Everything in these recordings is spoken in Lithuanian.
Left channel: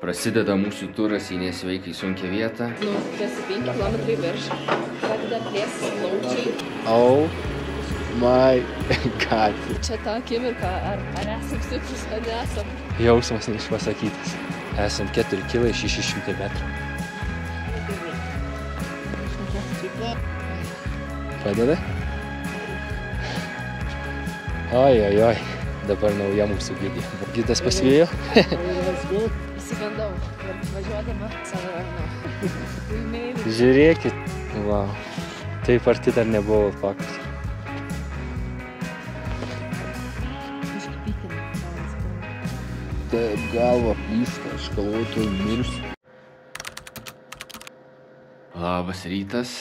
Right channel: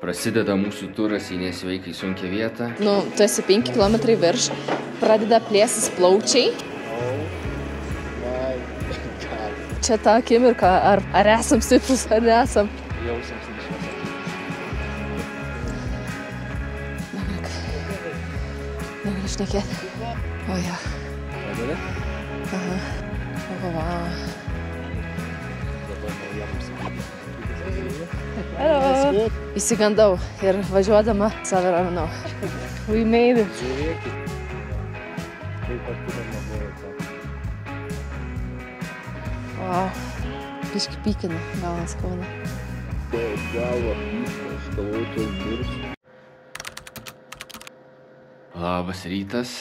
Prasideda mūsų turas į nesveikai sunkią vietą. Tu esi 5 km virš, pradeda plėsis plaučiai. Oh my god. Čia ta akimirka, ar esam stiprus, ar nesam. Jausmas neišpasakytas. Esam 4 kg 600 metrų. Negaliu šnekėti. Oja. Padeda? Oi. Dabar nauja mūsų gidė. Gidas pasivijo? Įsigandau ir važiuodama save raminau. We made it. Žiūrėkit. Wow. Taip arti dar nebuvo faktas. Wow. Biški pykinį, galas kauna. Taip, galva plyšta, aš galvoju, mirsiu. Labas rytas.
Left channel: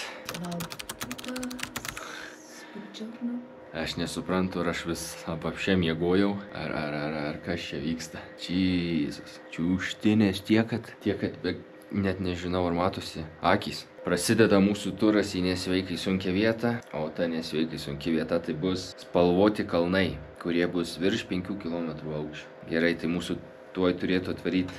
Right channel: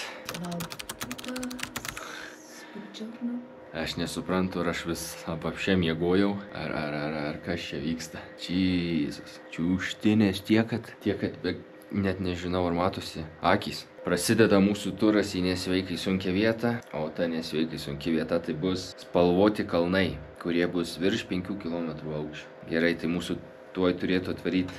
Aš nesuprantu, ar aš vis apapšė miegojau, ar kas čia vyksta. Jėzus. Čiūštinės tiek, kad net nežinau, ar matosi akys. Prasideda mūsų turas į nesveikai sunkią vietą, o ta nesveikai sunki vieta tai bus spalvoti kalnai, kurie bus virš 5 km aukščio. Gerai, tai mūsų tuoj turėtų atvaryti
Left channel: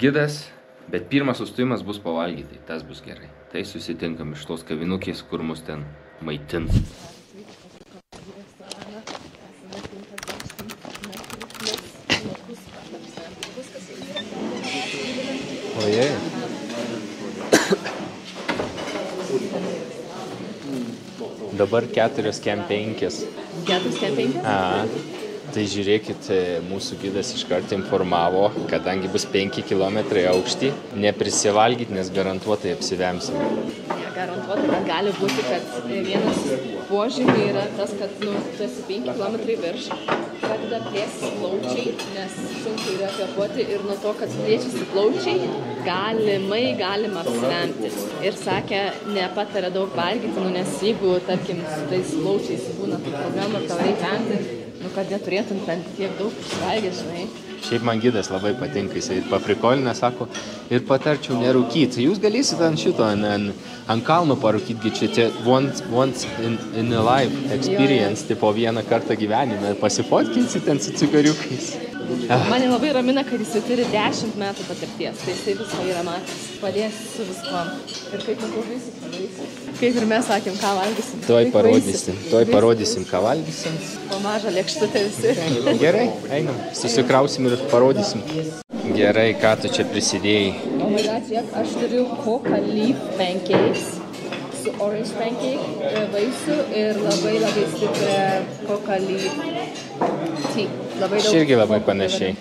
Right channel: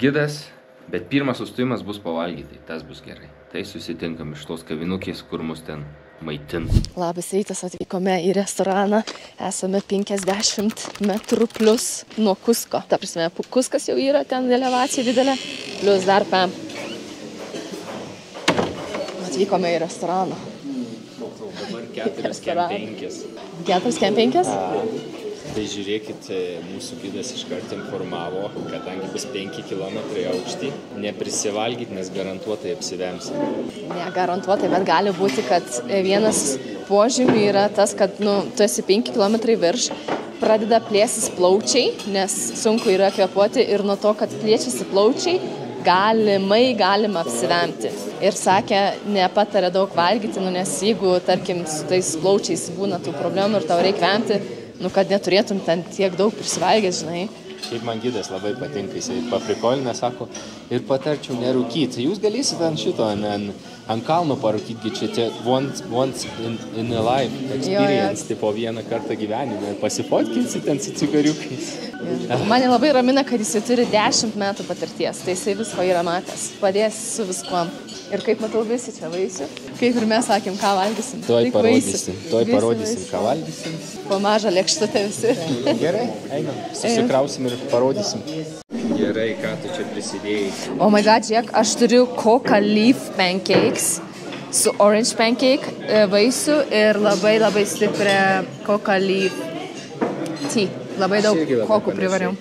gidas, bet pirmas sustojimas bus pavalgyti, tas bus gerai. Tai susitinkam iš tos kavinukės, kur mus ten maitins. Labas rytas, atvykome į restoraną. Esame 50 metrų plus nuo Kusko. Ta prasme, Kuskas jau yra ten elevacija didelė. Plus dar PEM. Atvykome į restoraną. Dabar 4 kem 5. 4 kem 5? Tai žiūrėkit, mūsų gidas iškart informavo, kadangi bus 5 km aukšti, neprisivalgyt, nes garantuotai apsivemsim. Ne, garantuotai, bet gali būti, kad vienas požymių yra tas, kad tu esi 5 km virš, pradeda plėsis plaučiai, nes sunku yra kvėpuoti ir nuo to, kad plėčiasi plaučiai, galima apsivemti. Ir sakė, nepatarė daug valgyti, nes jeigu, tarkim, su tais plaučiais būna tų problemų ir tau reikia vemti, kad neturėtum ten tiek daug prisivalgęs, žinai. Šiaip man gidas labai patinka, jisai paprikolina, sako, ir patarčiau nerūkyti. Jūs galėsite ant šito, ant kalno parūkyti, čia once in a life experience, tipo vieną kartą gyvenime, pasifotkinsit ten su cigariukais. Mane labai ramina, kad jisai turi 10 metų patirties, tai jisai visko yra matęs, padės su viskuom. Ir kaip matau, visi čia vaisiu. Kaip ir mes sakėm, ką valgysim. Tuoj parodysim, ką valgysim. Po mažą lėkštutę visi. Gerai, einam, susikrausim ir parodysim. Gerai, ką tu čia prisidėjai? Oh my god, žiūrėk, aš turiu coca leaf pancakes su orange pancake vaisių ir labai stiprią coca leaf tea. Labai daug. Aš irgi labai panašiai.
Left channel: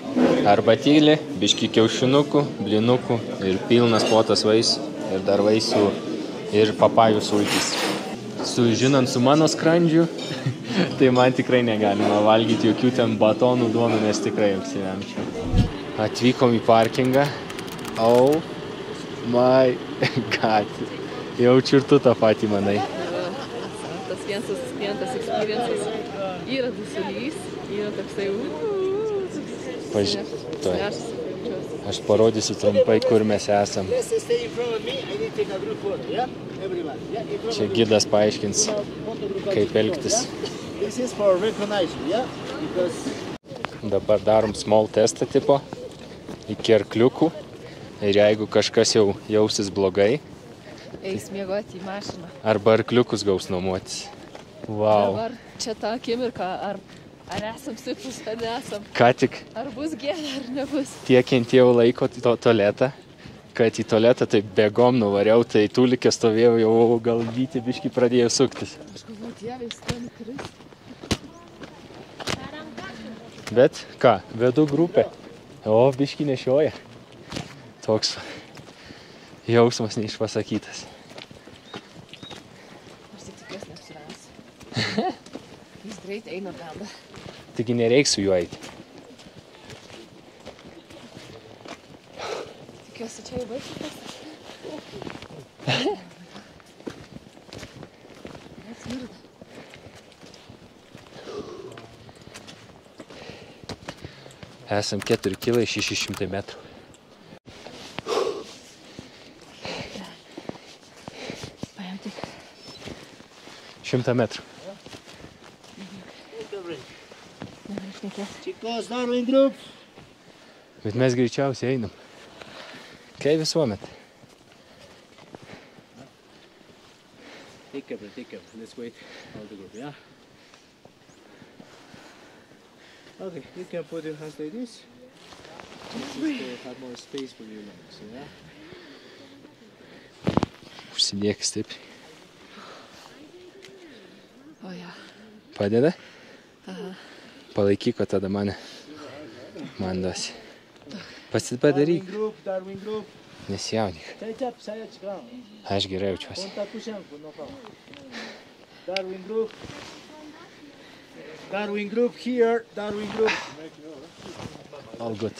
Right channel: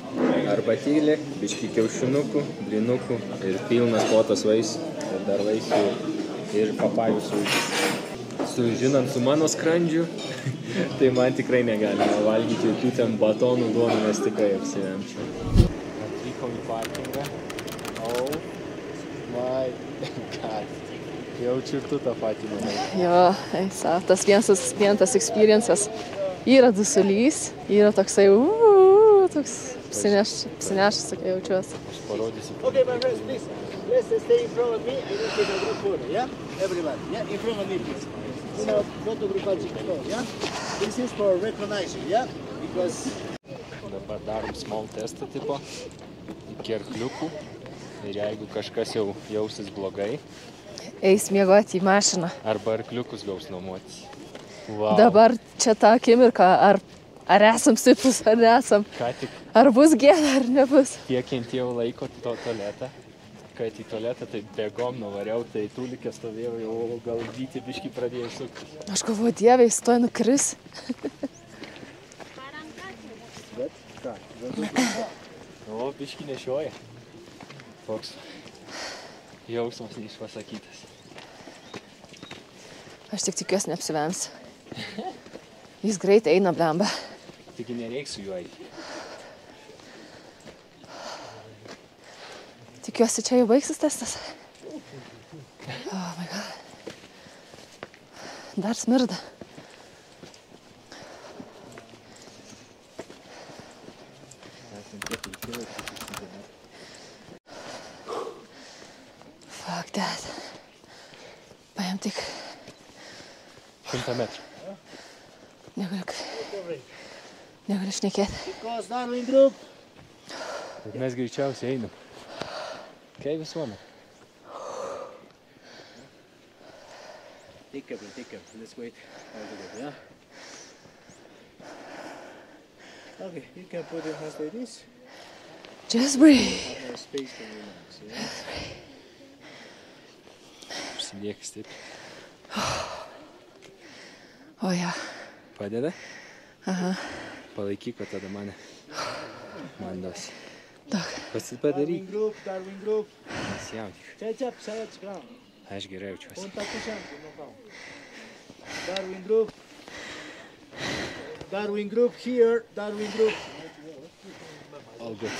Arbatėlė, biški kiaušinukų, blinukų ir pilnas plotas vaisių. Ir dar vaisių ir papajų sultis. Žinant su mano skrandžiu, tai man tikrai negalima valgyti jokių ten batonų duonų, nes tikrai apsivemčiau. Atvykom į parkingą. Oh my god. Jaučiu ir tu tą patį manai. Jo, tas vienas klientas experiences. Yra dusulys, yra toksai toks apsinešęs, kaip jaučiuosi. Aš parodysiu trumpai, kur mes esam. Čia gidas paaiškins, kaip elgtis. Dabar darom small testą tipo iki arkliukų. Ir jeigu kažkas jau jausis blogai, eis miegoti į mašiną. Arba arkliukus gaus nuomotis. Wow. Dabar čia ta akimirka, ar esam stiprus, ar nesam. Ką tik. Ar bus gėda, ar nebus. Tiek kentėjau laiko tualetą, kad į tualetą tai bėgom nuvariau, tai tulikė stovėjau, jau galvyti biškį pradėjo suktis. Aš galvoju, Dieve, jis to nukris. Bet ką, vedu grupę. O, biškį nešioja. Toks jausmas neišpasakytas. Aš tik tikiuosi neapsivems. Jis greit eina, blemba. Taigi nereiks su juo eiti. Tikiuosi, čia jau baigsis testas. Oh my god. Dar smirda. Esam 4 kg 600 metrų. Fuck that. Paėm tik 100 metrų. Negaliu šnekėti. Bet mes greičiausiai einam. Kaip visuomet. Take a breath. Let's wait. Yeah. Okay, you can put your hands like this. Just breathe. You have more space for your lungs, yeah? Užsidėk stipriai. O ja. Padeda? Aha. Palaikyk, o tada man duosi. Tak. Pasipadaryk. Darwin group. Nesijaudyk. Say it, ground. Aš gerai jaučiuosi. Darwin group here. Darwin group. All good.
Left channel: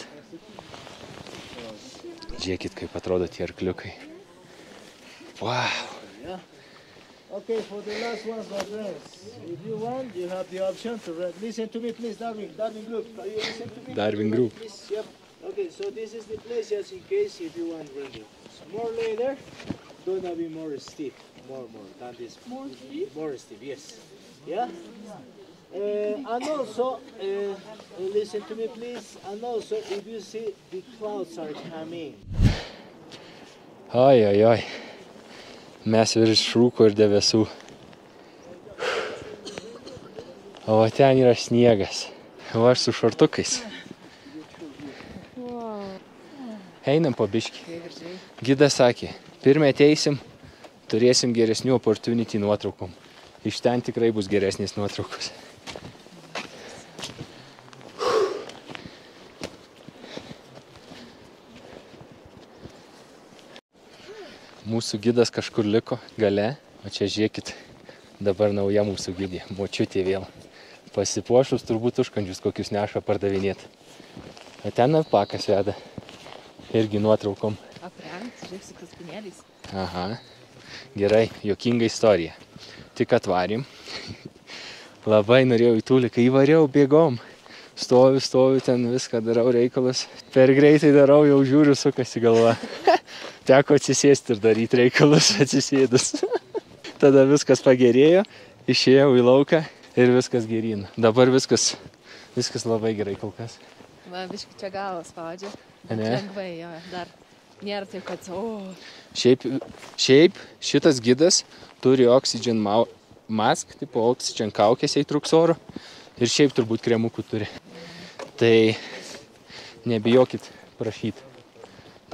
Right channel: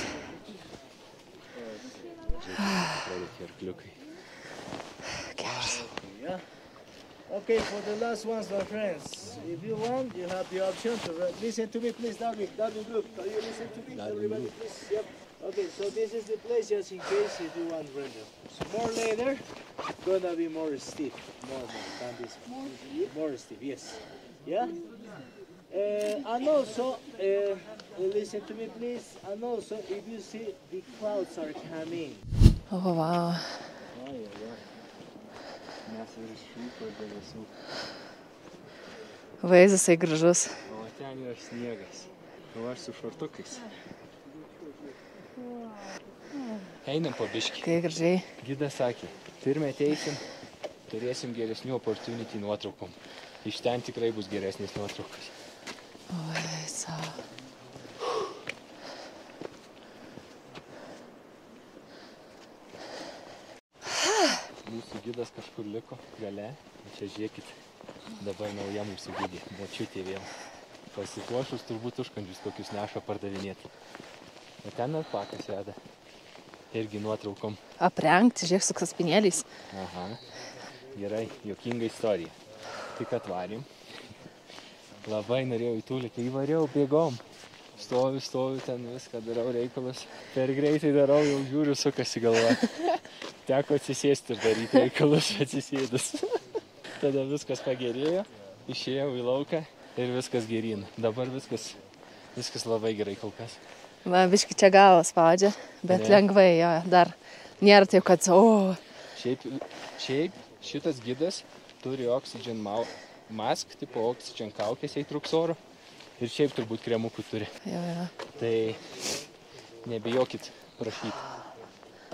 Žiūrėkit, kaip atrodo tie arkliukai. Wow. Yeah. Okay, for the last ones, my friends. If you want, you have the option to listen to me, please, Darwin. Darwin group. Can you listen to me? Darwin group. Please, yep. Okay, so this is the place just in case if you want render. So more later, gonna be more steep. More steep? More steep, yes. Yeah? And also, listen to me please, and also if you see the clouds are coming. O, wow. Oi. Mes virš rūko ir debesų. Vaizdas tai gražus. O ten yra sniegas. O aš su šortukais. Einam po biškį. Kai gražiai. Gidas sakė, pirmą ateisim, turėsim geresnių opportunity nuotraukom. Iš ten tikrai bus geresnės nuotraukos. Oi, savo. Mūsų gidas kažkur liko gale, o čia žiūrėkit, dabar nauja mūsų gidė, močiutė vėl. Pasipuošus turbūt užkandžius kokius neša pardavinėti. O ten alpakas veda. Irgi nuotraukom. Aprengti, žiūrėk, su kaspinėliais. Aha, gerai, juokinga istorija. Tik atvarėm. Labai norėjau į tūlį, kai įvariau, bėgom. Stoviu, ten viską darau reikalus. Per greitai darau, jau žiūriu, sukasi galva. Teko atsisėsti ir daryti reikalus atsisėdus. Tada viskas pagerėjo, išėjau į lauką ir viskas geryn. Dabar viskas labai gerai kol kas. Man biški čia galvą spaudžia, bet Ne. lengvai, jo, dar nėra taip, kad, Šiaip šitas gidas turi oxygen mask, tipo oxygen kaukės, jei trūks oro. Ir šiaip turbūt kremukų turi. Tai nebijokit prašyti.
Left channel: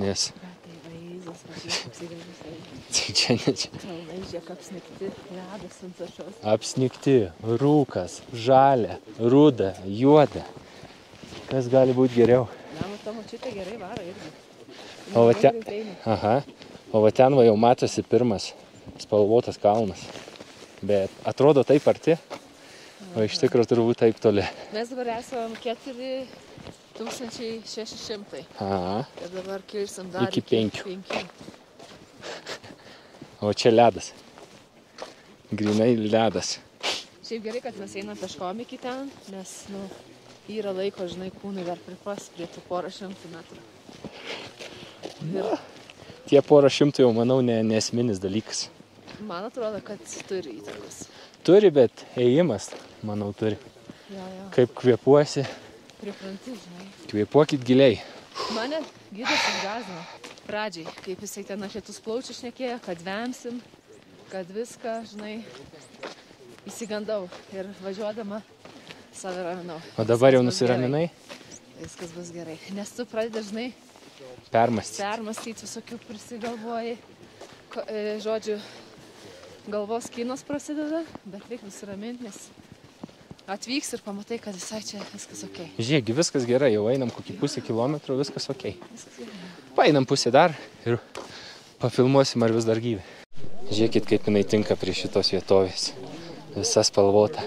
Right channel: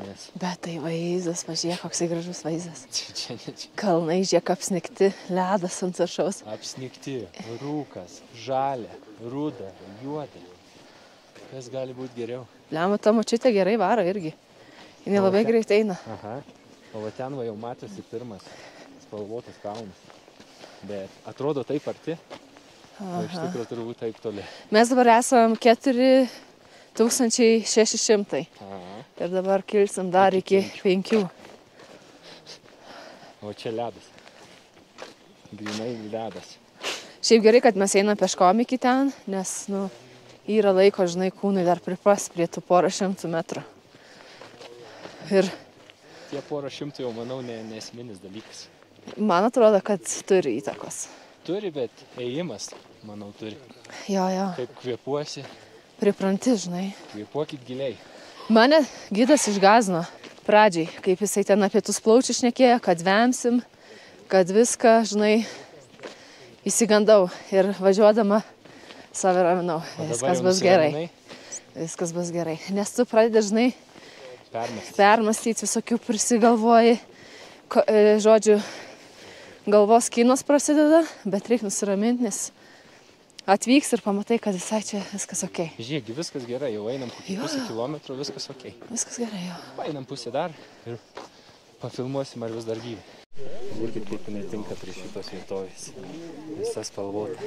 Nes Bet tai vaizdas, pažiūrėk, koksai gražus vaizdas. čia Kalnai, žiūrėk, apsnigti, ledas ant viršaus. apsnigti, rūkas, žalia, ruda, juoda. Kas gali būti geriau? Lema, ta močiutė gerai varo irgi. Jis O va labai te- greitai eina. Aha. O va ten va jau matosi pirmas spalvotas kalnas. Bet atrodo taip arti, o iš tikrųjų turbūt taip toli. Mes dabar esam 4600 Aha. ir dabar kilsim dar Iki iki 5. O čia ledas. Grinai ledas. Šiaip gerai, kad mes einam peškom iki ten, nes, yra laiko, žinai, kūnai dar pripras prie tų porą šimtų metrų. Ir Tie porą šimtų jau, manau, nesminis dalykas. man atrodo, kad turi įtakos. Turi, bet ėjimas, manau, turi. Jo, Kaip kvėpuosi, pripranti, žinai. kvėpuokit giliai. Mane gidas išgazino pradžiai, kaip jisai ten apie tus plaučius šnekėjo, kad vemsim, kad viską, žinai, įsigandau ir važiuodama save raminau. O dabar jau Viskas bus gerai. nusiraminai, Viskas bus gerai. Nes tu pradedi, žinai, permąstyti. visokių prisigalvoji, žodžiu, galvos kinos prasideda, bet reikia nusiraminti, nes atvyks ir pamatai, kad visai čia viskas ok. Žiūrėk, viskas gerai, jau einam kokį pusę kilometrų, viskas ok. Viskas gerai jau. Paeinam pusę dar ir pafilmuosim, ar vis dar gyvi. Žiūrėkit, kaip jinai tinka prie šitos vietovės. Visa spalvota.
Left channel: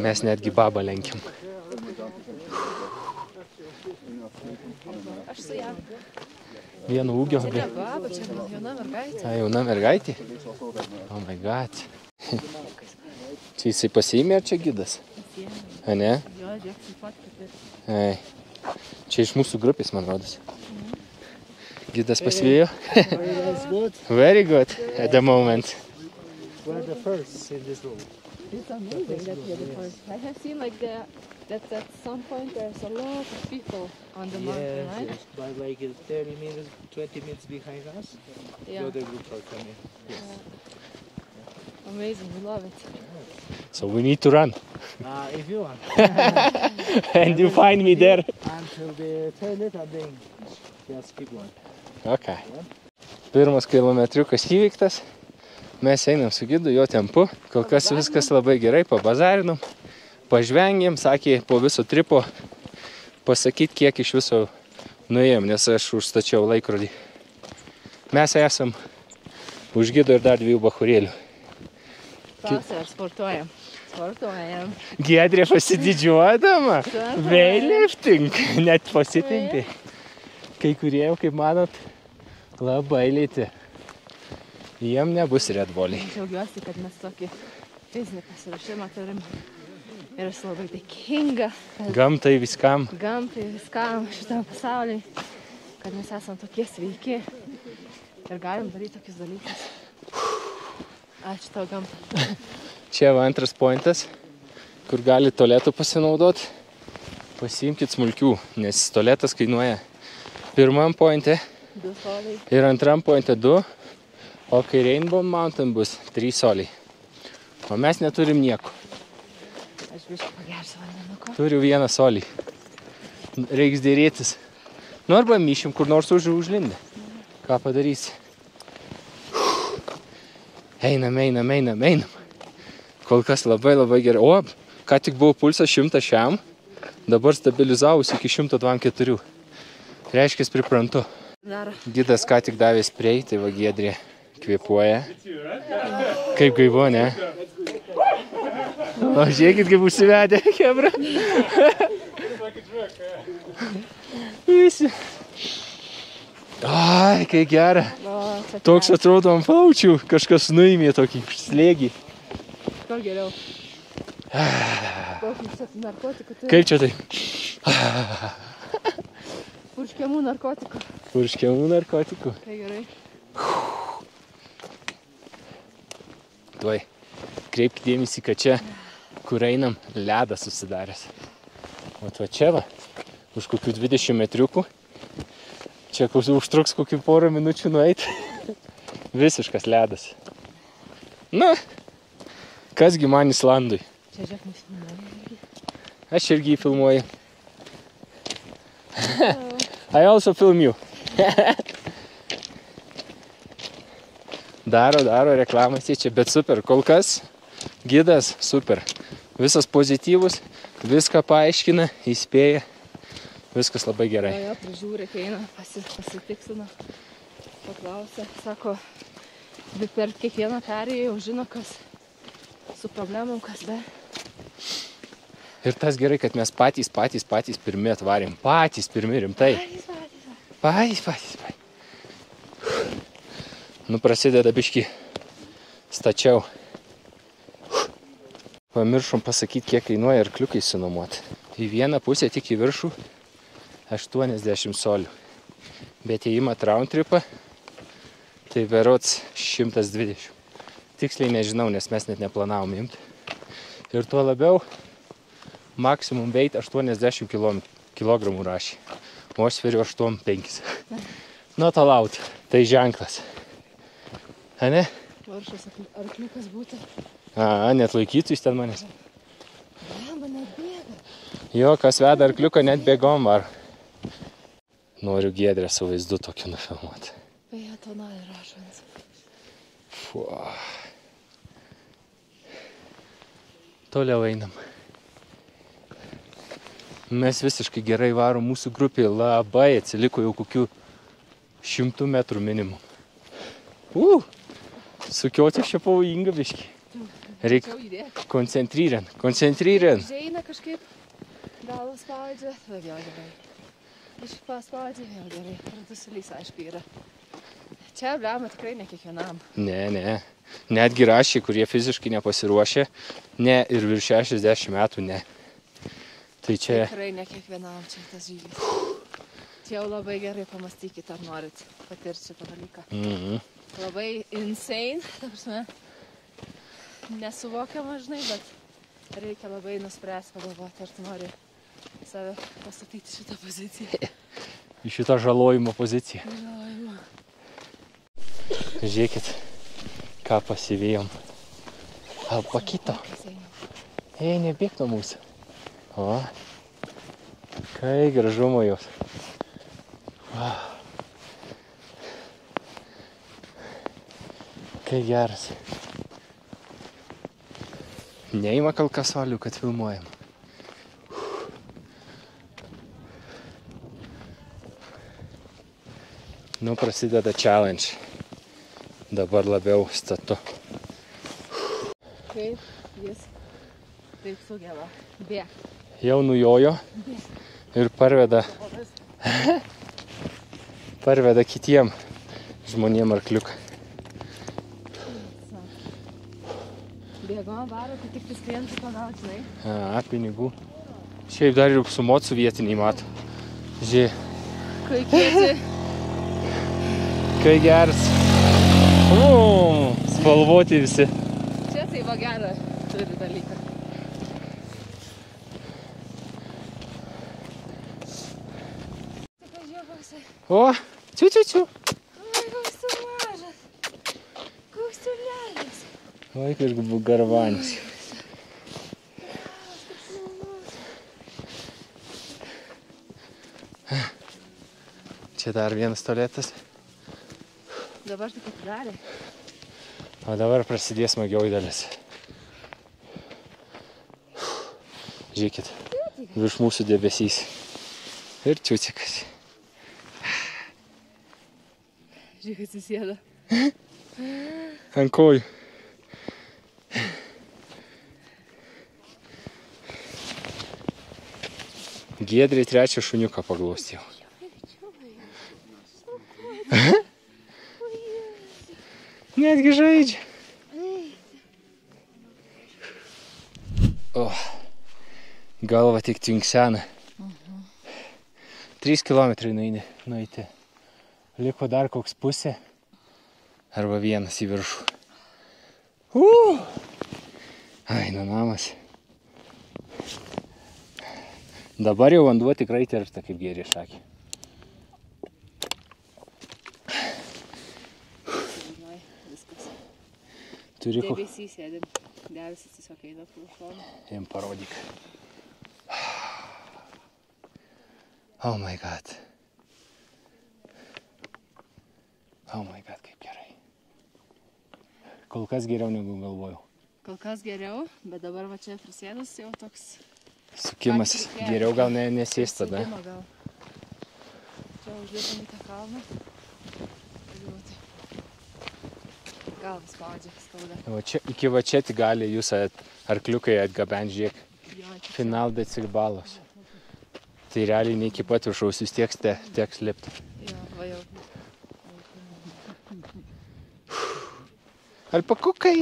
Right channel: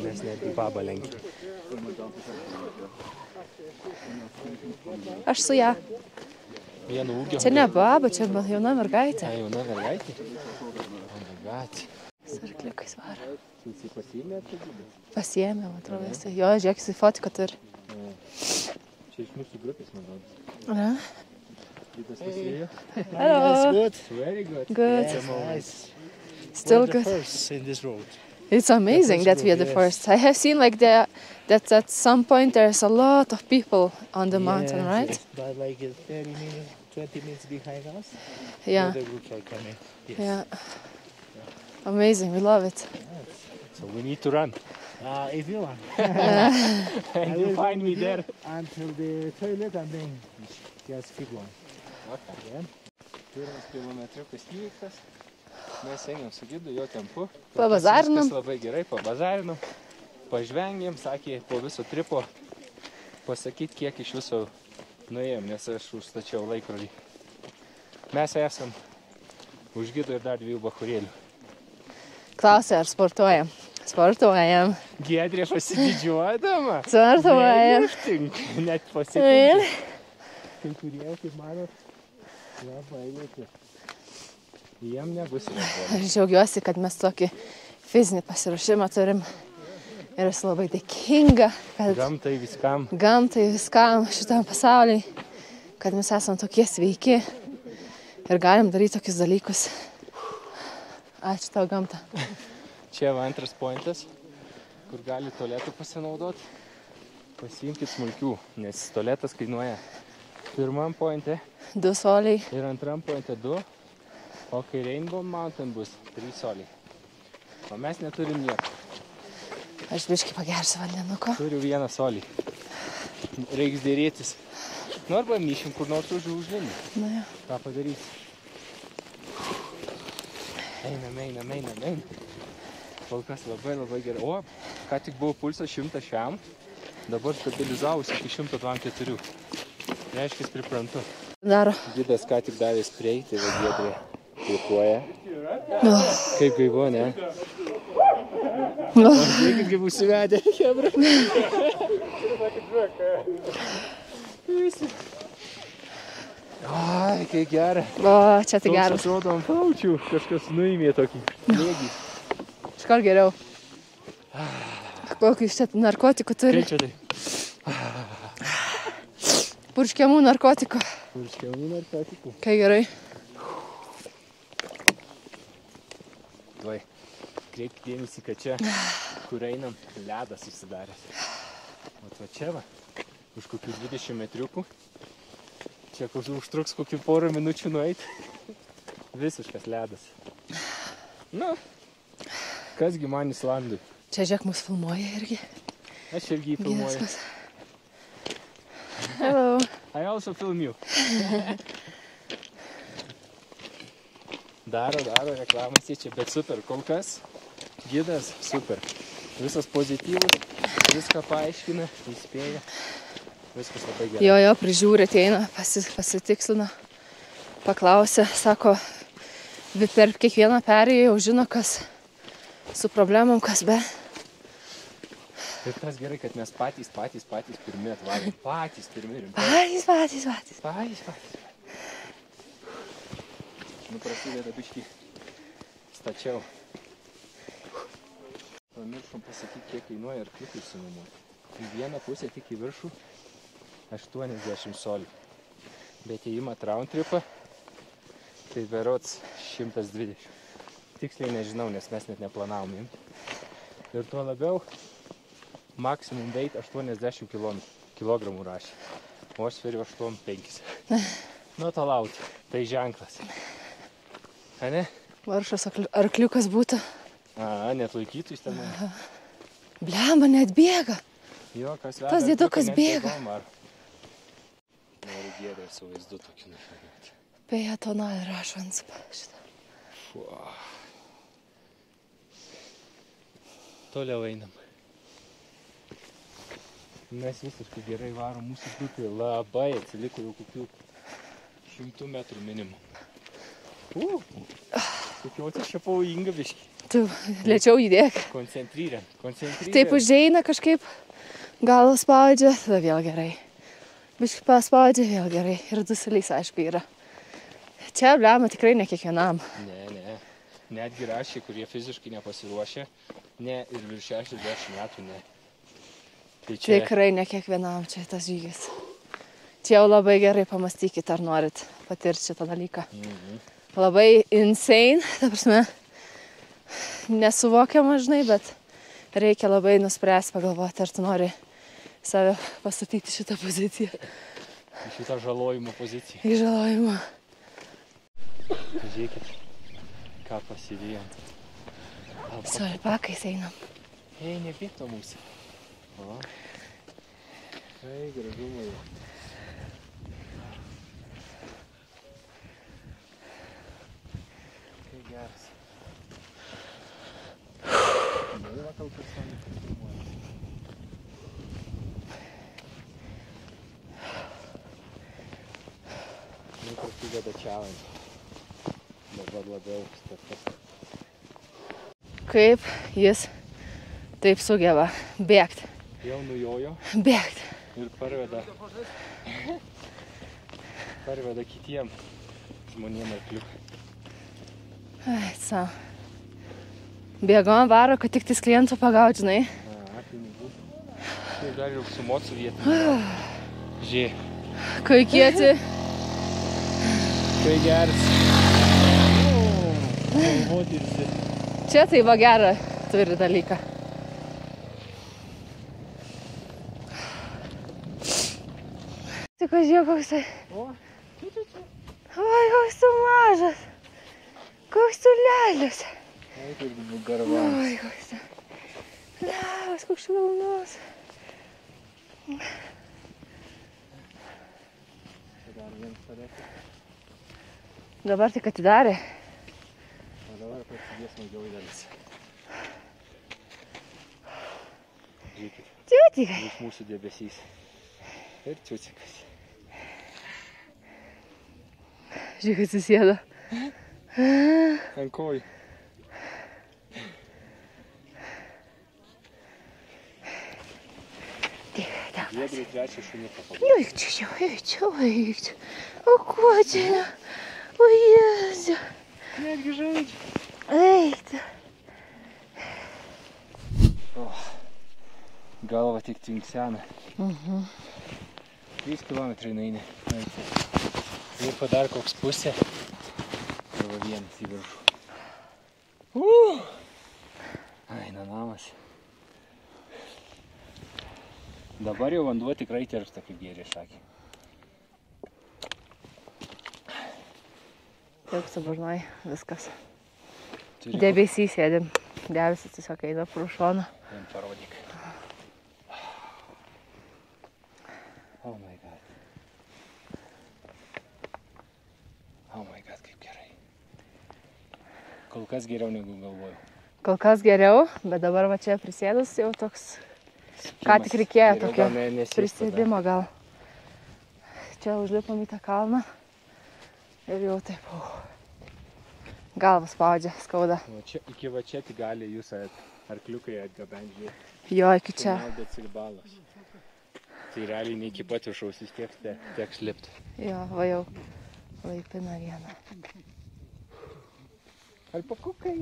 Mes netgi babą lenkiam. Aš su ją. Vienu ūgio. Čia ne baba, čia jauna mergaitė. A, jauna mergaitė? Oh my god. Laikais varo. Čia jisai pasiėmė ar čia gidas? Pasiėmė. A, ne? Jo, žiūrėk, jisai fotiką turi. Ai. Čia iš mūsų grupės, man rodos. Ne? Gidas pasivėjo? That's good. Very good Good. at the moment. Still good. First in this road. It's amazing that we are the first. I have seen like that at some point there's a lot of people on the mountain, right? Yes, but like 30 minutes, 20 minutes behind us. Yeah. The groups are coming. Yes. Yeah. Amazing, we love it. So we need to run. If you want. And you find me there. Until the toilet and then just keep going. Okay. Pirmas kilometriukas įveiktas. Mes einam su gidu, jo tempu. Kol kas viskas labai gerai, pabazarinom. Pažvengėm, sakė, po viso tripo pasakyt, kiek iš viso nuėjom, nes aš užstačiau laikrodį. Mes esam už gido ir dar 2 bachurėlių. Klausė, ar sportuojam? Sportuojam. Giedrė pasididžiuodama. Sportuojam. Weightlifting. Net pasitinti. Kai kurie jau, kaip manot, labai lėti. Jiem nebus Red Bull. Aš džiaugiuosi, kad mes tokį fizinį pasiruošimą turim. Ir esu labai dėkinga. Gamtai viskam. Gamtai viskam šitam pasauliui. Kad mes esam tokie sveiki. Ir galim daryti tokius dalykus. Ačiū tau gamtą. Čia va antras pointas, kur gali tualetų pasinaudoti. Pasiimkit smulkių, nes tualetas kainuoja pirmam pointe 2 soliai. ir antram pointe 2, o kai Rainbow Mountain bus 3 soliai. O mes neturim nieko. Aš biškį pagersiu vandenuko. Turiu 1 solį. Reiks dėrėtis. Nu arba myšim kur nors užlindę. Ką padarysi? Einam. Kol kas labai gerai. O, ką tik buvo pulsas 100 šiam, dabar stabilizavus iki 124. Reiškia, priprantu. Daro. Gidas ką tik davė spray, tai va Giedrė kvėpuoja. Kaip gaivo, ne? O žiūrėkit, kaip užsivedė, kebra. Visi. Ai, kai gera. O, čia tai Toks geras. atrodo ant paučių, kažkas nuimė tokį slėgį. Skor geriau. Kokį iš čia narkotikų turi? Kaip čia tai? Purškiamų narkotikų. Purškiamų narkotikų. Kai gerai. Tuoj, kreipk dėmesį, kad čia, kur einam, ledas susidaręs. O va čia va, už kokių 20 metriukų. Čia užtruks kokių porą minučių nueiti. Visiškas ledas. Na, kasgi man Islandui. Čia žiūrėk, mus filmuoja irgi. Aš irgi jį filmuoju. Viskas. Hello. I also film you. Daro reklamas čia, bet super. Kol kas gidas super. Visas pozityvus, viską paaiškina, įspėja. Viskas labai gerai. Jo, prižiūrė, ateina, pasitikslina, paklausė, sako, per kiekvieną perėją jau žino, kas su problemom, kas be. Ir tas gerai, kad mes patys pirmi atvarėm. Patys pirmi rimtai. Patys. Nu, prasideda biškį stačiau. Pamiršom pasakyti, kiek kainuoja arkliukai sinuomoti. Į vieną pusę tik į viršų 80 solių. Bet jei imat round tripą, tai berods 120. Tiksliai nežinau, nes mes net neplanavom imti. Ir tuo labiau maksimum weight 80 kilogramų rašė. O aš sveriu 8,5. Not allowed. Tai ženklas. A ne? Varšas arkliukas būtų. Net laikytų jis ten manęs. Blemba, net bėga. Jo, kas veda Tas arkliuką, dėdukas net bėga. bėgom var. Noriu Giedrę su vaizdu tokį nufilmuoti. Beje, tonalį rašo ant šitą. Toliau einam. Mes visiškai gerai varom, mūsų grupė labai atsiliko jau kokių 100 metrų minimum. Sukioti čia pavojinga biškį. Tu greičiau įdėk. Koncentryrent. Taip užeina kažkaip, galą spaudžia, tada vėl gerai. Biškį paspaudžia, vėl gerai. Ir dusulys, aišku, yra. Čia, blemba, tikrai ne kiekvienam. Ne. Netgi rašė, kurie fiziškai nepasiruošė, ne, ir virš 60 metų, ne. Tai čia... Tikrai ne kiekvienam čia tas žygis. Čia jau labai gerai pamastykit, ar norit patirti šitą dalyką. Labai insane, ta prasme, nesuvokiama, žinai, bet reikia labai nuspręsti, pagalvoti, ar tu nori save pastatyti šitą poziciją. Į šitą žalojimo poziciją. Į žalojimą. Žiūrėkit, ką pasivėjom. Alpakais einam. Ei, nebėk nuo mūsų. O, kai gražumo jos. Kai geras. Neima kalkasolių, kad filmuojam. Nu, prasideda challenge. Dabar labiau statu. Kaip jis taip sugeba bėgti. Jau nujojo. Bėgti. Ir parveda kitiem žmonėm arkliuką. Ai, savo. Bėgom varo, kad tik tais klientų pagauti, žinai. Pinigų. Šiaip dar ir sumot su vietiniai mato. Žiūrėk. Kai kieti. Kai geras. Spalvoti visi. Čia tai va gerą turi dalyką. Tik žiūrėk, koks tai. O, ciu. Oi, koks tu mažas. Koks tu lelius. Oi, kažkaip garvanis. Lelius, koks šlaunus. Čia dar vienas tualetas. Dabar tik atidarė. O dabar prasidės smagioji dalis. Žiūrėkit. Ciutikai. Virš mūsų debesys. Ir ciutikas. Žiūrėk, atsisėdo. Ant kojų. Giedriai trečią šuniuką paglostė. Eičiau. O kuo čia? O Jėzau. Netgi žaidžia. Eita. O, galva tik tvinksena. 3 kilometrai nueini. Liko dar koks pusė. Arba vienas į viršų. Ai, namas. Dabar jau vanduo tikrai tiršta, kaip gėrė šakį. Taip, suburnuoji, viskas. Turi Debesys sėdim. Debesis tiesiog eina pro šoną. Jam parodyk. Oh my god. Oh my god, kaip gerai. Kol kas geriau negu galvojau. Kol kas geriau, bet dabar va čia prisėdus jau toks... Ką tik reikėjo. Geriau gal nesėstų. Prisėdimo gal. Čia užlipom į tą kalną. Ir jau taip. Galvas spaudžia, skauda. Iki va čia tik gali jūs arkliukai atgabent, žiūrėk. Jo, iki čia. Final decilbalos. Tai realiai ne iki pat viršaus, vis tiek teks lipti. Jo, va jau laipina vieną. Alpakukai.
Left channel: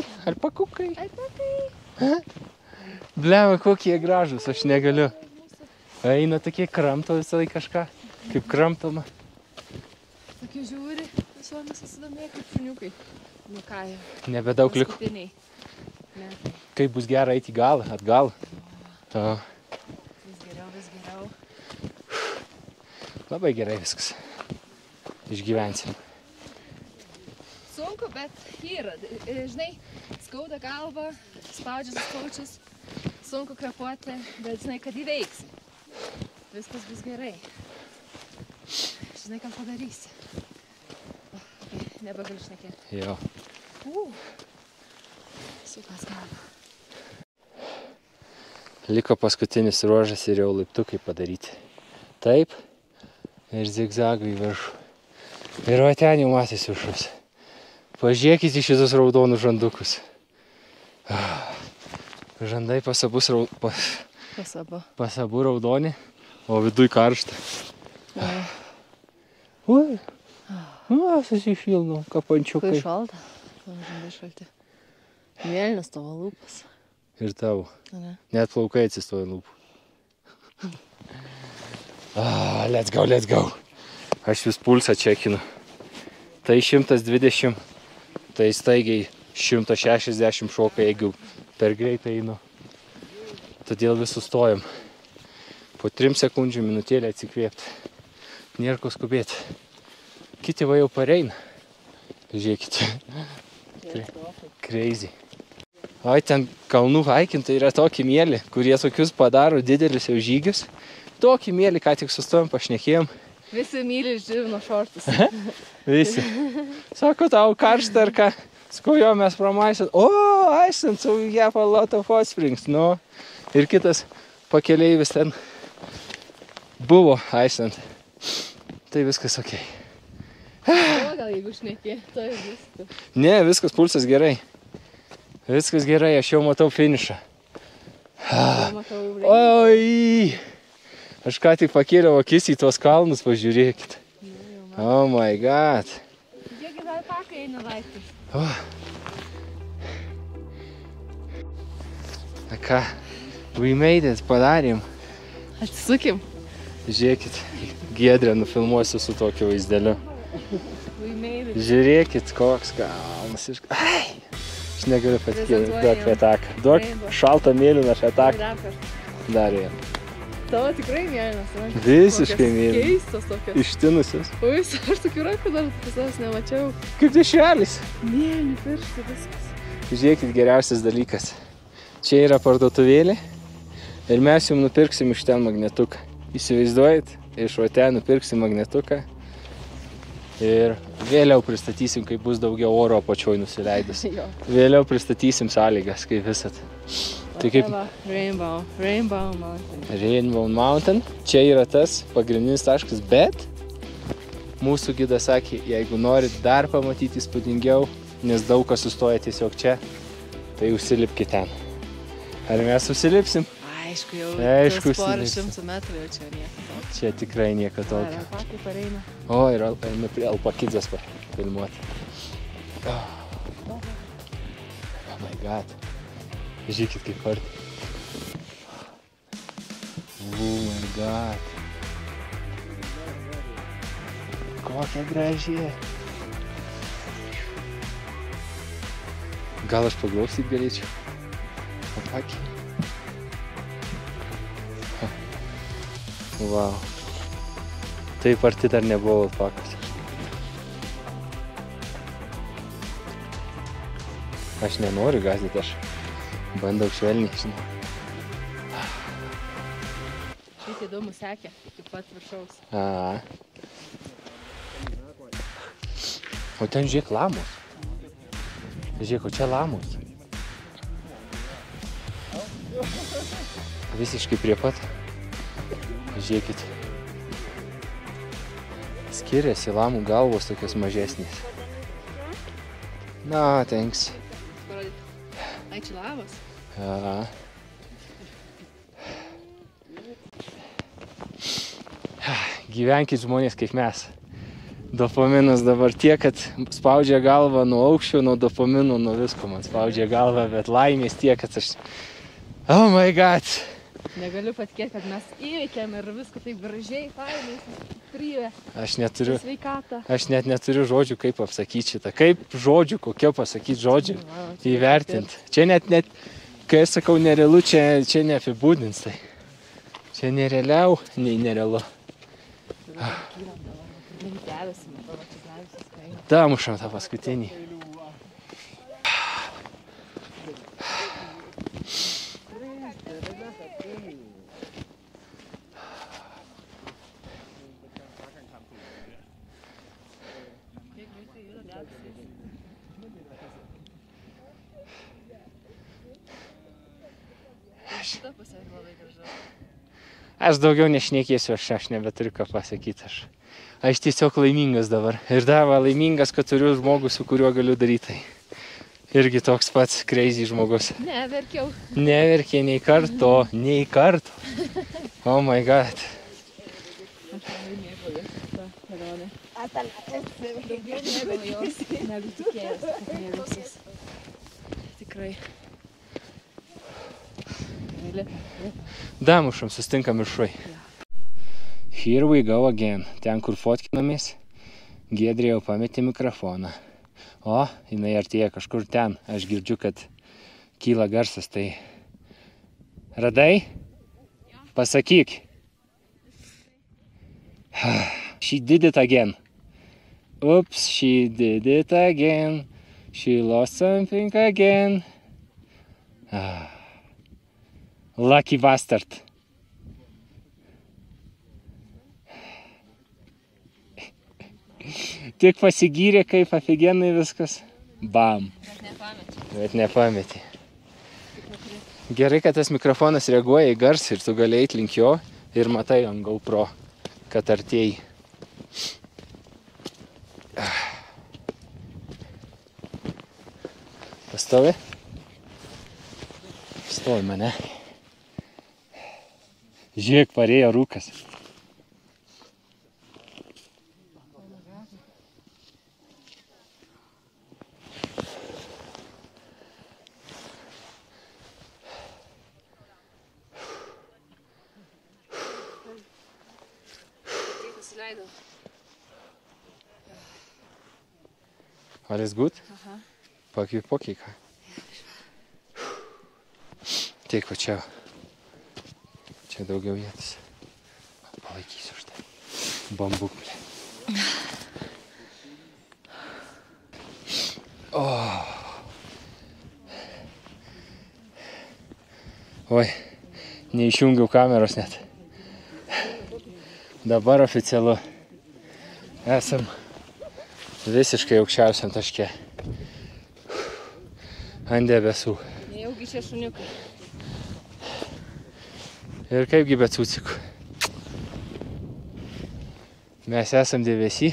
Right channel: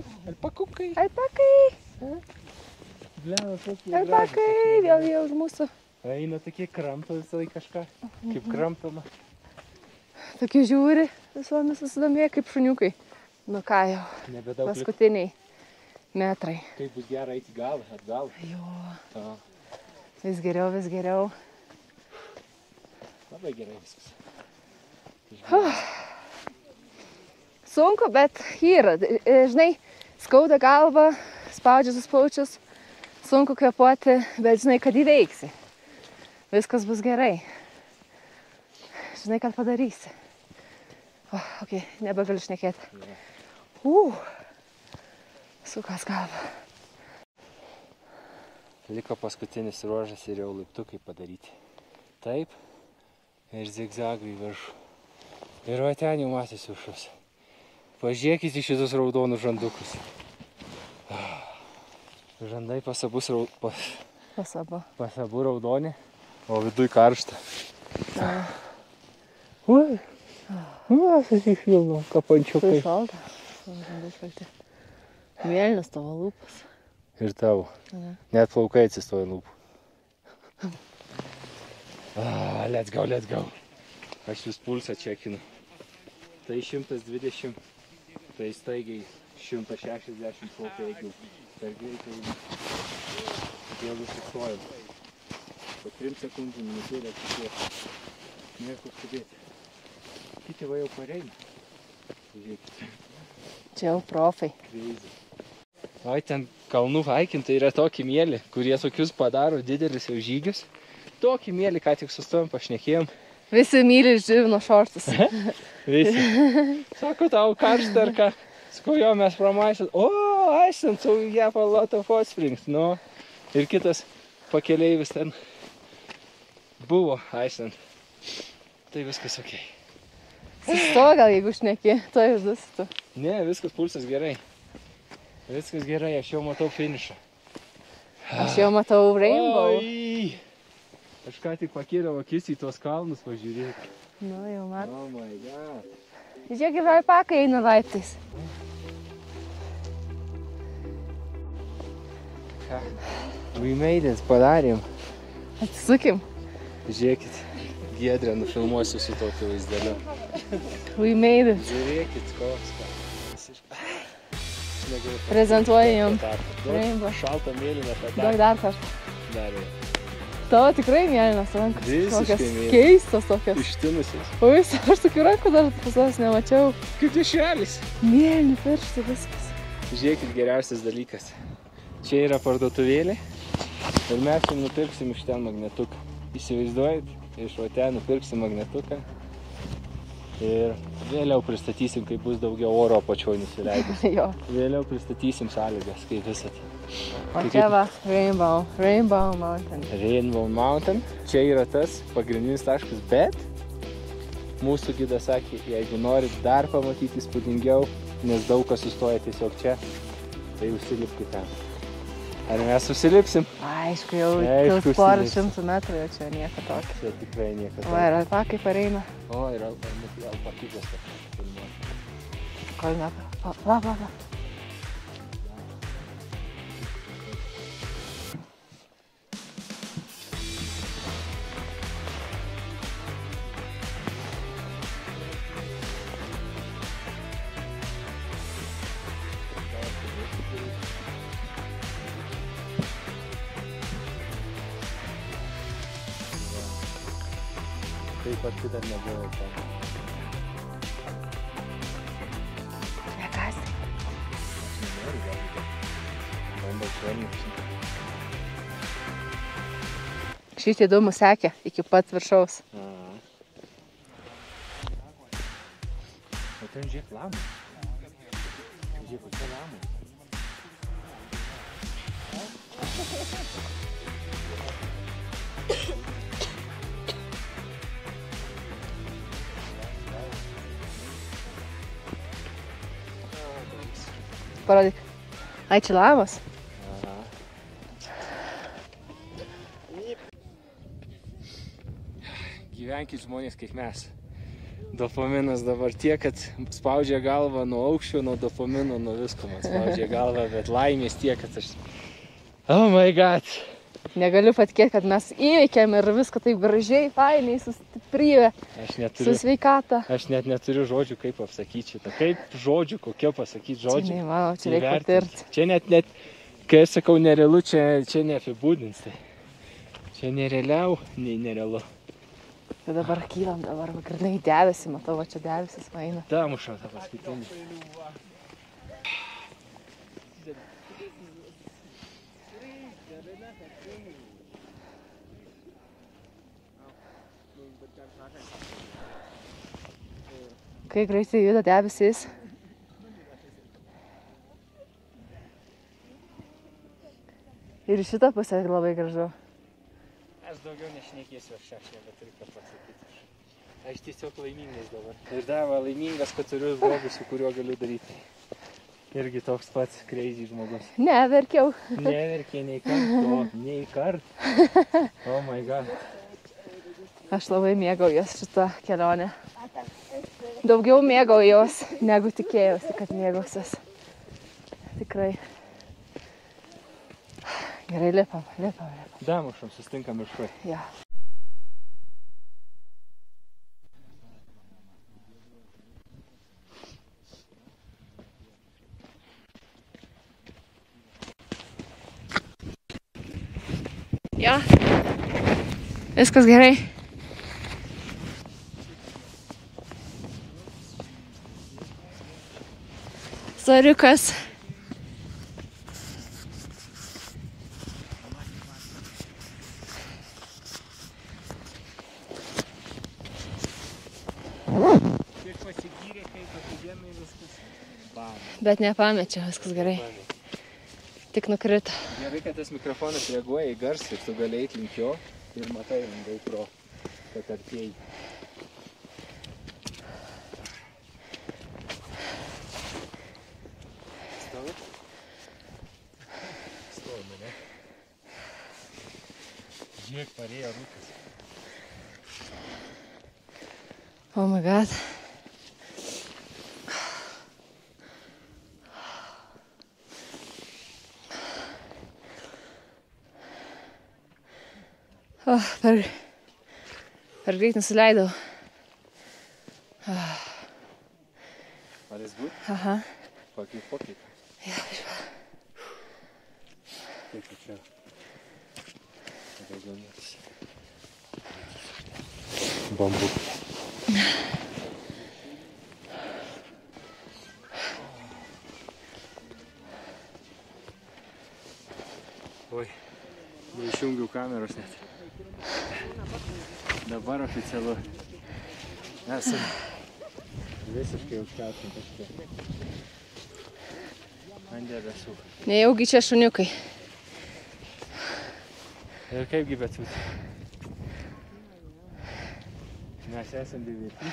Bleva, kokie gražus, aš negaliu. Jau už mūsų. Eina tokie kramto visą laiką kažką, kaip kramtama. Tokie žiūri, visuomis susidomėję kaip šuniukai. Nu ką jau. Nebedaug liko. Paskutiniai metrai. Kaip bus gera eiti į galą, atgal. Jo. To. Vis geriau. Labai gerai viskas. Išgyvensim. Sunku, bet yra. Žinai, skauda galva, spaudžia sus plaučius. Sunku kvėpuoti, bet žinai, kad įveiksi. Viskas bus gerai. Žinai, kad padarysi. Ok, nebegaliu šnekėti. Jo. Sukas galva. Liko paskutinis ruožas ir jau laiptukai padaryti. Taip. Ir zigzagai į viršų. Ir va ten jau matys viršus. Pažiūrėkit į šitus raudonus žandukus. Žandai pasabu raudoni, o viduj karšta. Ui, susišilno, kapančiukai. Tai šalta. Žandai šalti. Mėlynas tavo lūpas. Ir tavo. Net plaukai atsistoja lūpų. Let's go. Aš vis pulsą čekinu. Tai 120, tai staigiai 160 šoka, jeigu per greitai einu. Todėl vis sustojam. Po 3 sekundžių minutėlę atsikvėpti. Nėra ko skubėti. Kiti va jau pareina. Žiūrėkit. Čia jau profai. Crazy. Ai, ten kalnų haikintai yra tokį mėlį, kurie tokius padaro didelis jau žygius. Tokį mėlį, ką tik sustojom, pašnekėjom. Visi myli živino šortus. Visi. Sako, tau karšta ar ką? Sakau, jo, mes promaisit. O, Iceland, so we have a lot of hot springs. Nu, ir kitas pakeleivis ten buvo Iceland. Tai viskas okei. To gal jeigu šneki, to jau bus tu. Ne, viskas pulsas gerai. Viskas gerai, aš jau matau finišą. Aš jau matau rainbow. Oi! Aš ką tik pakėliau akis į tuos kalnus, pažiūrėkit. Nu, jau man. Oh my god. Žiūrėk, ir alpaka eina laiptais. Na ką, we made it, padarėm. Atsisukim. Žiūrėkit, Giedrę nufilmuosiu su tokiu vaizdeliu. We made it. Žiūrėkit, koks kalnas. Ai! Aš negaliu Prezentuoju jau. Duok šaltą mėlyną šataką. Dar kartą. Dar jau. Tavo tikrai mėlynas rankas. Visiškai mėlynas. Keistos tokios. Ištinusios. Ui, aš tokių rankų dar pas nemačiau. Kaip dešrelis. Mėlyni pirštai, viskas. Žiūrėkit, geriausias dalykas. Čia yra parduotuvėlė ir mes jums nupirksim iš ten magnetuką. Įsivaizduojat, iš va ten nupirksim magnetuką ir vėliau pristatysim, kai bus daugiau oro apačioj nusileidus. Vėliau pristatysim sąlygas, kaip visat. O tai čia va, Rainbow Mountain. Rainbow Mountain. Čia yra tas pagrindinis taškas, bet mūsų gidas sakė, jeigu norit dar pamatyti įspūdingiau, nes daug kas sustoja tiesiog čia, tai užsilipkit ten. Ar mes užsilipsim? Aišku, jau Aišku, porą šimtų metrų jau čia nieko tokio. Čia tikrai nieko O, ir tokio. alpakai pareina. O, ir alpakidės filmuoti. Va. Oh my god. Žiūrėkit, kaip kol. Oh my god. Kokia graži. Gal aš paglausyt galėčiau? Akį. Wow. Taip arti dar nebuvo alpakos. Aš nenoriu gazdyti, aš bandau švelniai. Šitie dūmų sekė iki pat viršaus. A. O ten žiūrėk lamos. Žiūrėk, o čia lamos. Visiškai prie pat. Žiūrėkit. Skiriasi lamų galvos tokios mažesnės. Na, thanks. Parodyk. Ai, čia lavos? Aha. Gyvenkit žmonės kaip mes. Dopaminas dabar tiek, kad spaudžia galvą nuo aukščio, nuo dopamino, nuo visko man spaudžia galvą, bet laimės tiek, kad aš... Oh my god! Negaliu patikėti, kad mes įveikėm ir viską taip gražiai, fainai, sustiprybė, su sveikata. Aš net neturiu žodžių, kaip apsakyti šitą. Kaip žodžių, kokie pasakyti žodžių. Įvertinti. Čia net, kai aš sakau nerealu, čia neapibūdins. Tai. Čia nerealiau, nei nerealu. Tai dabar kylam, dabar grinai debesį, matau, va čia debesis eina. Damušam tą paskutinį. Kai greitai juda debesys. Ir šitą pusę labai gražu. Aš daugiau nešnekėsiu, aš nebeturiu ką pasakyti. Aš tiesiog laimingas dabar. Ir dar laimingas, kad turiu žmogų, su kuriuo galiu daryti. Irgi toks pats crazy žmogus. Neverkiau. Neverkė nei karto, nei karto. Oh my god. Aš labai mėgaujuos šitą kelionę. Daugiau mėgaujuos, negu tikėjausi, kad mėgausiuos. Tikrai. Gerai, lipam. Damušam, sustinkam viršuj. Ja. Here we go again. Ten, kur fotkinamės, Giedrė jau pametė mikrofoną. O, jinai artėja kažkur ten. Aš girdžiu, kad kyla garsas, tai... Radai? Jo. Pasakyk. Viskas gerai. She did it again. Oops, she did it again. She lost Soriukas. something again. Lucky bastard. Tik pasigyrė, kaip afigenai viskas. Bam. Bet nepamečiau, viskas Bet gerai. nepametė. Tik nukrito. Gerai, kad tas mikrofonas reaguoja į garsą ir tu gali eit link jo ir matai ant GoPro, kad artėjai. Pastovi? Stovi mane. Žiūrėk, parėjo rūkas. Oh my god. Per greit nusileidau. Alles gut? Aha. Pakvėpuok į ką. Tiek va čia. Čia daugiau vietos. Palaikysiu štai. Bambukai. Oi, neišjungiau kameros net. Dabar oficialu. Esam visiškai aukščiausiam taške. Ant debesų. Nejaugi čia šuniukai. Ir kaipgi be cūcikų. Mes esam debesy.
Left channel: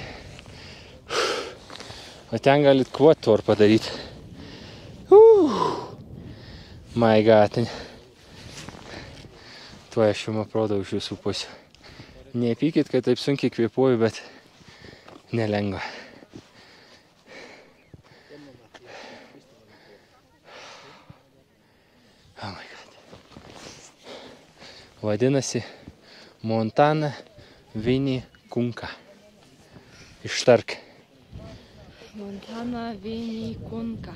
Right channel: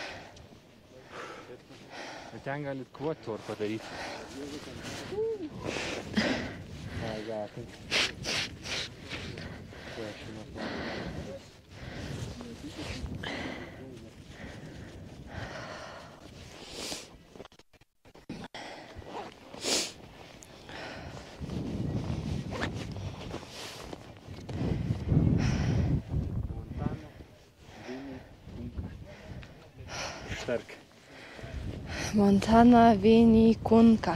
O ten galit quad tour padaryti. My god. Tuo aš jums aprodau iš visų pusių. Nepykit, kad taip sunkiai kvėpuoju, bet nelengva. Vadinasi Montana Vinicunca. Ištark. Montana Vinicunca.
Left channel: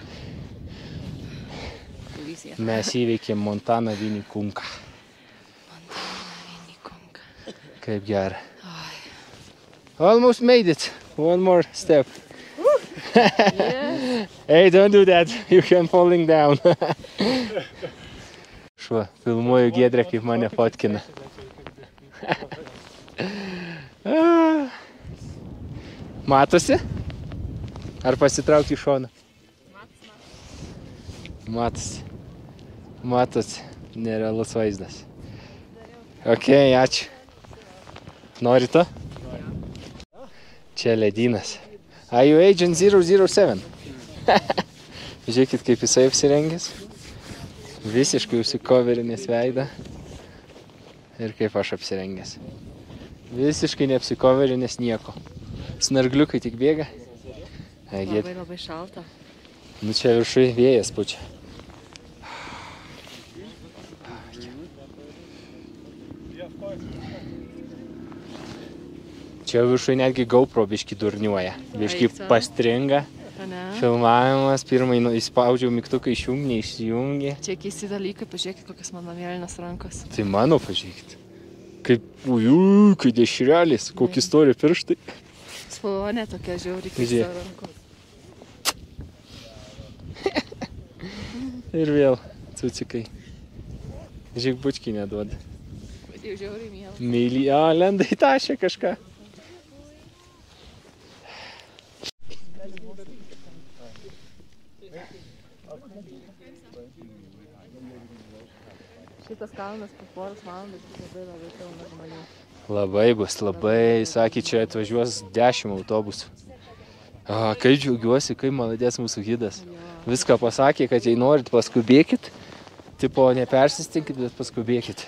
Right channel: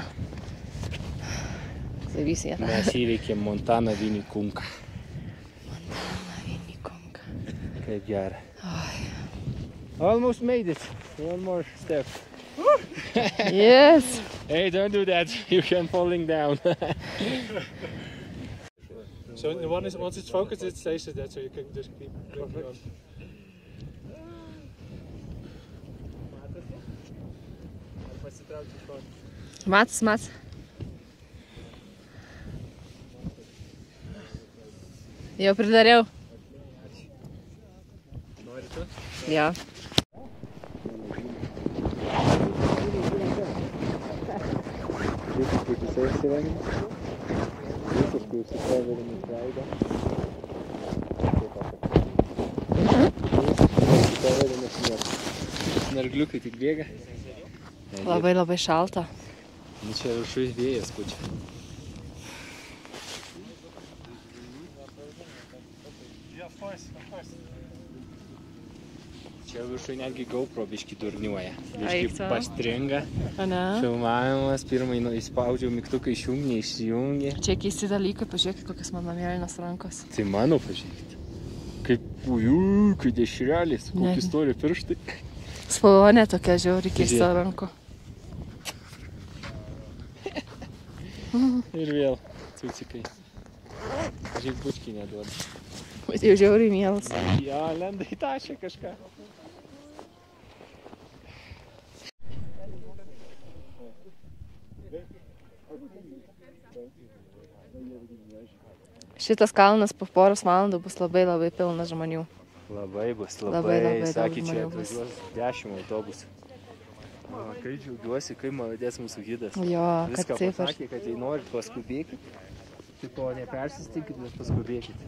Visi jie. Mes įveikėm Montana Vinicunca. Kaip gerai. Almost made it. One more step. Yes. Hey, don't do that. You can falling down. Šuo, filmuoju Giedrę, kaip mane fotkina. Matosi? Ar pasitraukti į šoną? Mats. Matosi. Matosi. Nerealus vaizdas. Jau pridariau. Ok, ačiū. Nori to? Jo. Čia ledynas. Are you Agent 007? Žiūrėkit, kaip jisai apsirengęs. Visiškai užsikoverinės veidą. Ir kaip aš apsirengęs. Visiškai neapsikoverinės nieko. Snargliukai tik bėga. Labai šalta. Nu čia viršui vėjas pučia. Čia viršui netgi GoPro biški durniuoja. Biški pastringa. Filmavimas. Pirmai įspaudžiau mygtuką išjungi, neišsijungi. Čia keisti dalykai, pažiūrėkit, kokias mano mėlynas rankas. Tai mano pažiūrėkit. Kai dešrelis, kokį stori pirštai. Spalvonė tokia žiauri keista ranko. Ir vėl cucikai. Žiūrėk, bučkį neduoda. Bet jau žiauriai mielas. Lenda į tašę kažką. Šitas kalnas po poros valandų bus labai pilnas žmonių. Labai bus, labai. Sakė, čia atvažiuos 10 autobusų. Kaip džiaugiuosi, kaip maladės mūsų gidas. Jo, viską pasakė, kad jei norit, paskubėkit. Tipo, nepersistinkit, bet paskubėkit.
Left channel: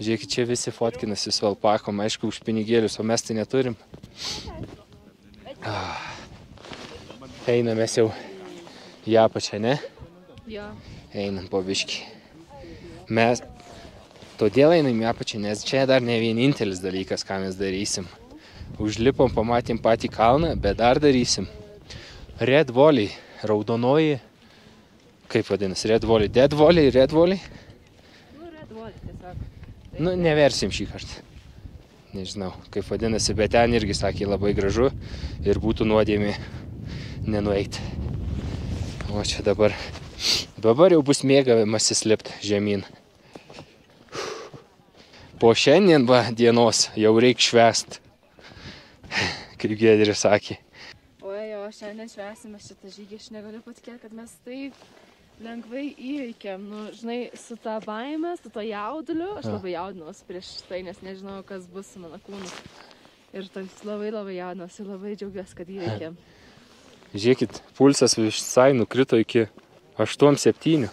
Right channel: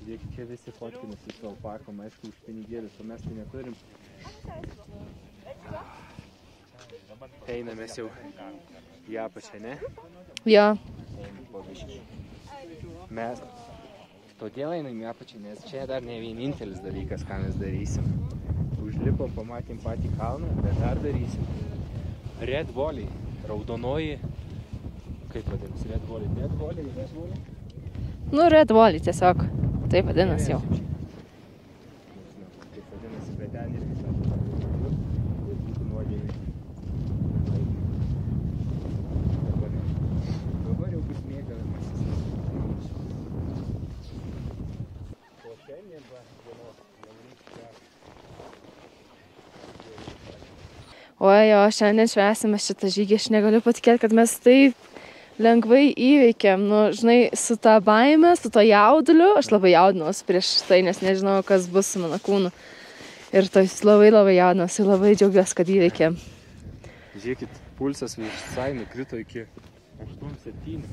Žiūrėkit, čia visi fotkinasi su alpakom, aišku, už pinigėlius, o mes tai neturim. Einam mes jau į apačią, ne? Jo. Einam po biškį. Mes todėl einam į apačią, nes čia dar ne vienintelis dalykas, ką mes darysim. Užlipom, pamatėm patį kalną, bet dar darysim. Red Volley, raudonoji, kaip vadinasi, Red Volley, Dead Volley, Red Volley. Nu, Red Volley tiesiog. Taip Nu, vadinasi. neversim šį kartą. Nežinau, kaip vadinasi, bet ten irgi sakė labai gražu ir būtų nuodėmė nenueiti. O čia dabar jau bus mėgavimasis lipt žemyn. Po šiandien dienos jau reik švęst, kaip Giedrė sakė. Oi, jo, šiandien švęsime šitą žygį. Aš negaliu patikėti, kad mes taip lengvai įveikėm. Nu, žinai, su ta baime, su to jauduliu. Aš labai jaudinuosi prieš tai, nes nežinau, kas bus su mano kūnu. Ir tai labai jaudinuosi, labai džiaugiuosi, kad įveikėm. Žiūrėkit, pulsas visai nukrito iki 8-7.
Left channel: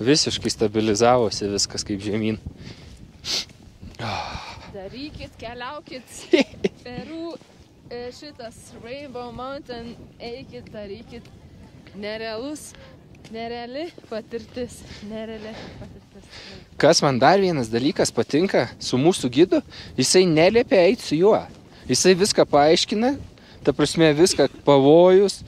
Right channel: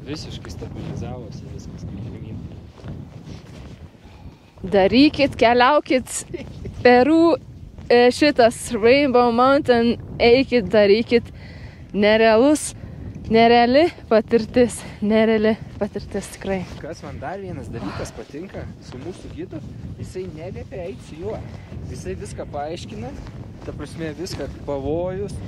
Visiškai stabilizavosi viskas kaip žemyn. Darykit, keliaukit. Peru, šitas Rainbow Mountain, eikit, darykit. Nereali patirtis tikrai. Kas man dar vienas dalykas patinka su mūsų gidu, jisai neliepia eiti su juo. Jisai viską paaiškina, ta prasme viską pavojus,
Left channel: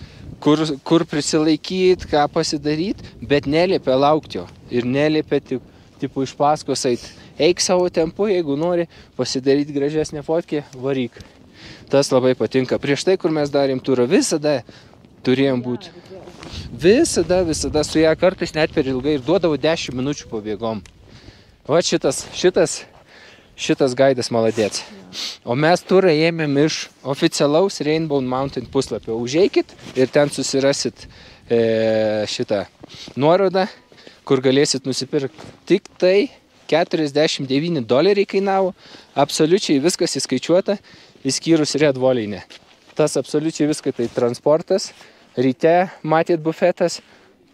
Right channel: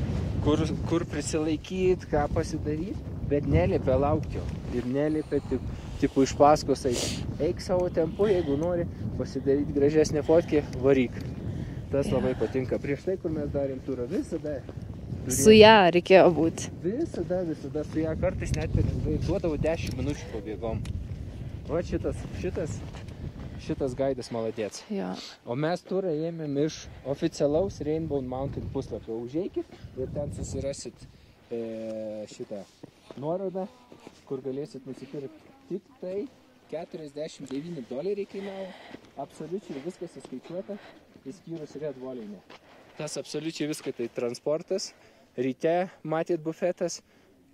kur prisilaikyti, ką pasidaryti, bet neliepia laukti jo. Ir neliepia tipo iš paskos eiti. Eik savo tempu, jeigu nori pasidaryti gražesnę fotkę, varyk. Tas labai patinka. Prieš tai, kur mes darėm turą, visada turėjom Su ją reikėjo būti. Visada su ją kartais net per ilgai ir duodavo 10 minučių pabėgom. Va šitas gaidas maladėts. Jo. O mes turą ėmėm iš oficialaus Rainbow Mountain puslapio. Užeikit ir ten susirasit šitą nuorodą, kur galėsit nusipirkti. Tik tai $49 kainavo. Absoliučiai viskas įskaičiuota, išskyrus Red Volley ne. Tas absoliučiai viską tai transportas. Ryte matėt bufetas,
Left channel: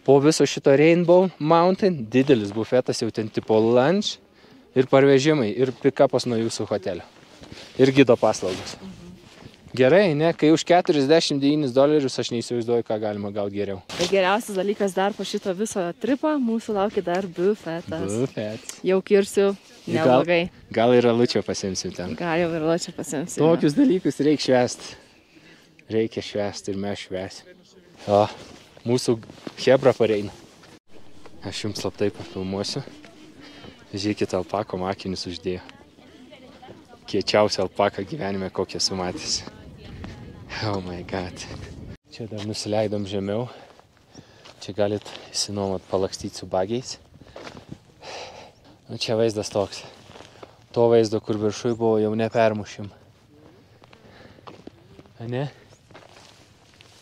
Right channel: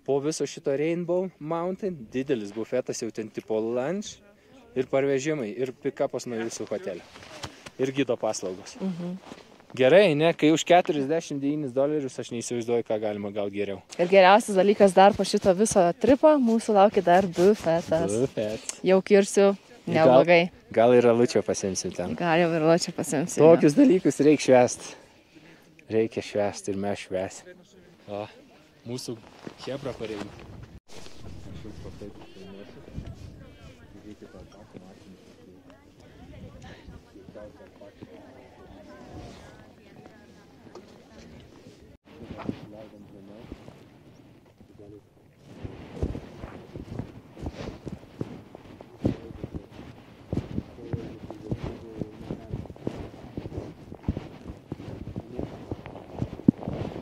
po viso šito Rainbow Mountain didelis bufetas, jau ten tipo lunch ir parvežimai ir pick-upas nuo jūsų hotelio. Ir gido paslaugos. Gerai, ne? Kai už $49 aš neįsivaizduoju, ką galima gauti geriau. Ir geriausias dalykas dar po šito viso tripo, mūsų laukia dar bufetas. Bufet. Jau kirsiu, neblogai. Gal ir alučio pasimsim ten. Gal jau ir lačiau pasimsiu. Tokius dalykus reikia švęsti. Reikia švęsti ir mes švęsim. O, mūsų hebra pareina. Aš jums slaptai pafilmuosiu. Žiūrėkit, alpako akinius uždėjo. Kiečiausia alpaka gyvenime, kokią esu matęs. Oh my god. Čia dar nusileidom žemiau. Čia galit įsinuomot palakstyti su bagiais. Čia vaizdas toks. To vaizdo, kur viršui buvo, jau nepermušim. Ne?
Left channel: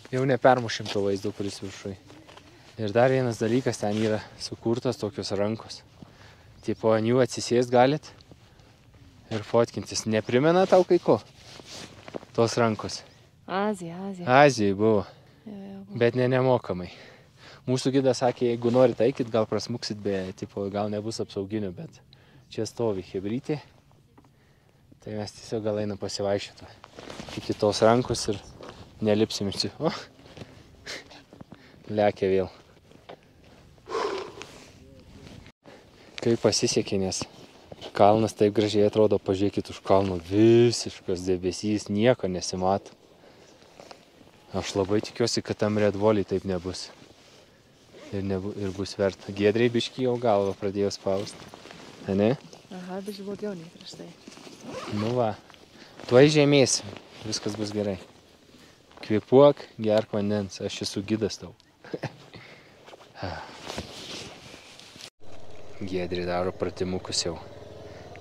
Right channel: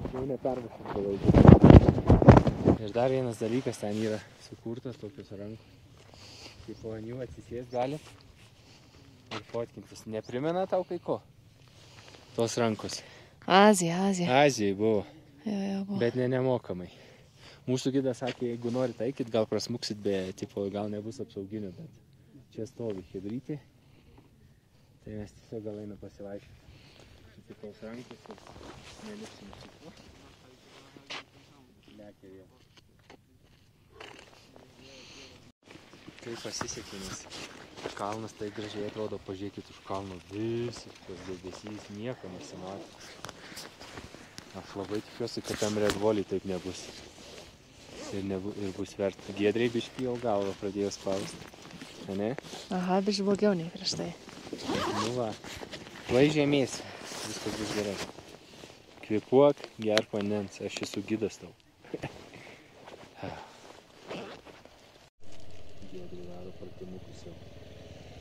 Jau nepermušim to vaizdo, kuris viršui. Ir dar vienas dalykas, ten yra sukurtas tokios rankos. Tipo, ant jų atsisėst galit ir fotkintis. Neprimena tau kai ko? Tos rankos. Azija. Azijai buvo. Jo, buvo. Bet nemokamai. Mūsų gidas sakė, jeigu norit eikit, gal prasmuksit, tipo, gal nebus apsauginių, bet čia stovi hebrytė. Tai mes tiesiog gal einam pasivaišyti. Iki tos rankos ir nelipsim iš čia. O! Lekia vėl. Kaip pasisekė, nes kalnas taip gražiai atrodo, pažiūrėkit už kalno, visiškas debesys, nieko nesimato. Aš labai tikiuosi, kad tam Red Volley taip nebus. Ir bus verta. Giedriai biškį jau galvą pradėjo spausti. Ne? Aha, biškį blogiau nei prieš tai. Nu va, tuoj žemės, viskas bus gerai. Kvėpuok, gerk vandens, aš esu gidas tau. Giedri daro pratimukus jau.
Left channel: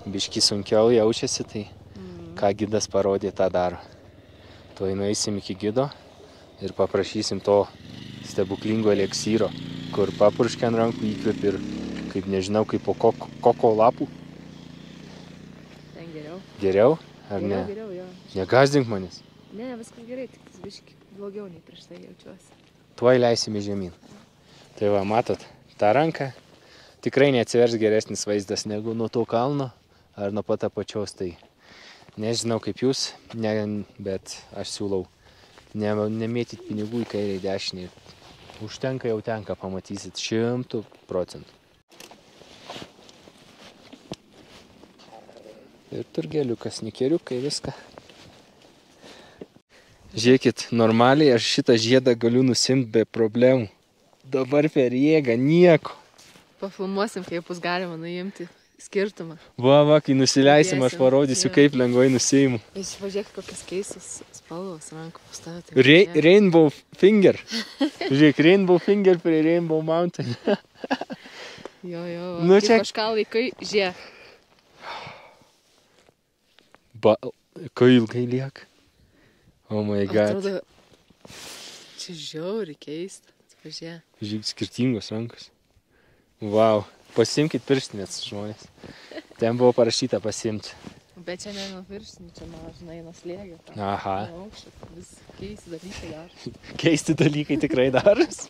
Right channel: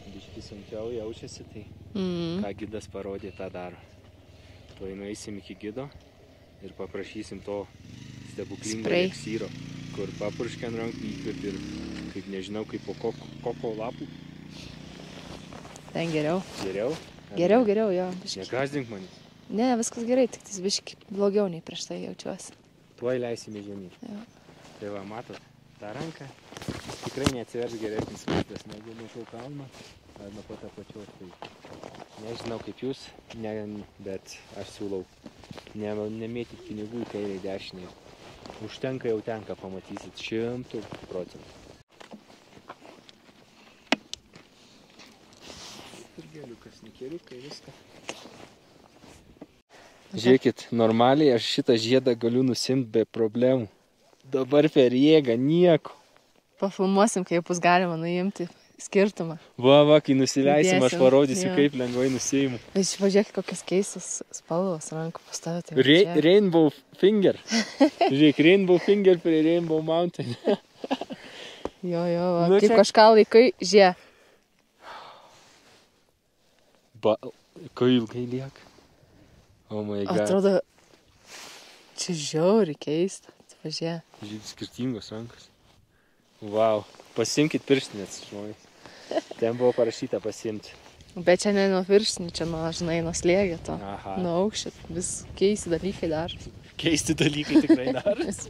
Biškį sunkiau jaučiasi, tai ką gidas parodė, tą daro. Tuoj nueisim iki gido ir paprašysim to stebuklingo eleksyro, kur papurškia ant rankų įkvėp ir, kaip nežinau, kaip po koko lapų. Ten geriau. Geriau? Geriau, jo. Negazdink manis. Ne, viskas gerai, tik tas biškį blogiau nei prieš tai jaučiuosi. Tuoj leisime žemyn. Tai va, matot, tą ranką tikrai neatsivers geresnis vaizdas negu nuo to kalno ar nuo pat apačios. Tai nežinau kaip jūs, bet aš siūlau nemėtyt pinigų į kairę į dešinį. Užtenka jau tenka, pamatysit 100%. Ir turgeliukas, nikeriukai, viską. Žiūrėkit, normaliai aš šitą žiedą galiu nusimti be problemų. Dabar per jėgą nieko. Pafilmuosim, kaip bus galima nuimti skirtumą. Va, kai nusileisim, aš Įdėsim, parodysiu, jo. kaip lengvai nusiimu. Pažiūrėk, kokias keistas spalvos rankų pastavyti. Rainbow finger. Žiūrėk, Rainbow finger prie Rainbow mountain. Jo, Nu, kaip čia- kažką laikai, žie. Kai ilgai lieka. Oh my god. Atrodo, čia žiauri keista. Pažiūrėk. Žiūrėk, skirtingos rankos. Vau. Pasimkit pirštinės, žmonės. Ten buvo parašyta pasimti. Bet čia ne nuo viršinių, čia nuo, žinai, nuo slėgio to. Aha. Nuo aukščio. Vis keisti dalykai dar. Keisti dalykai tikrai daros.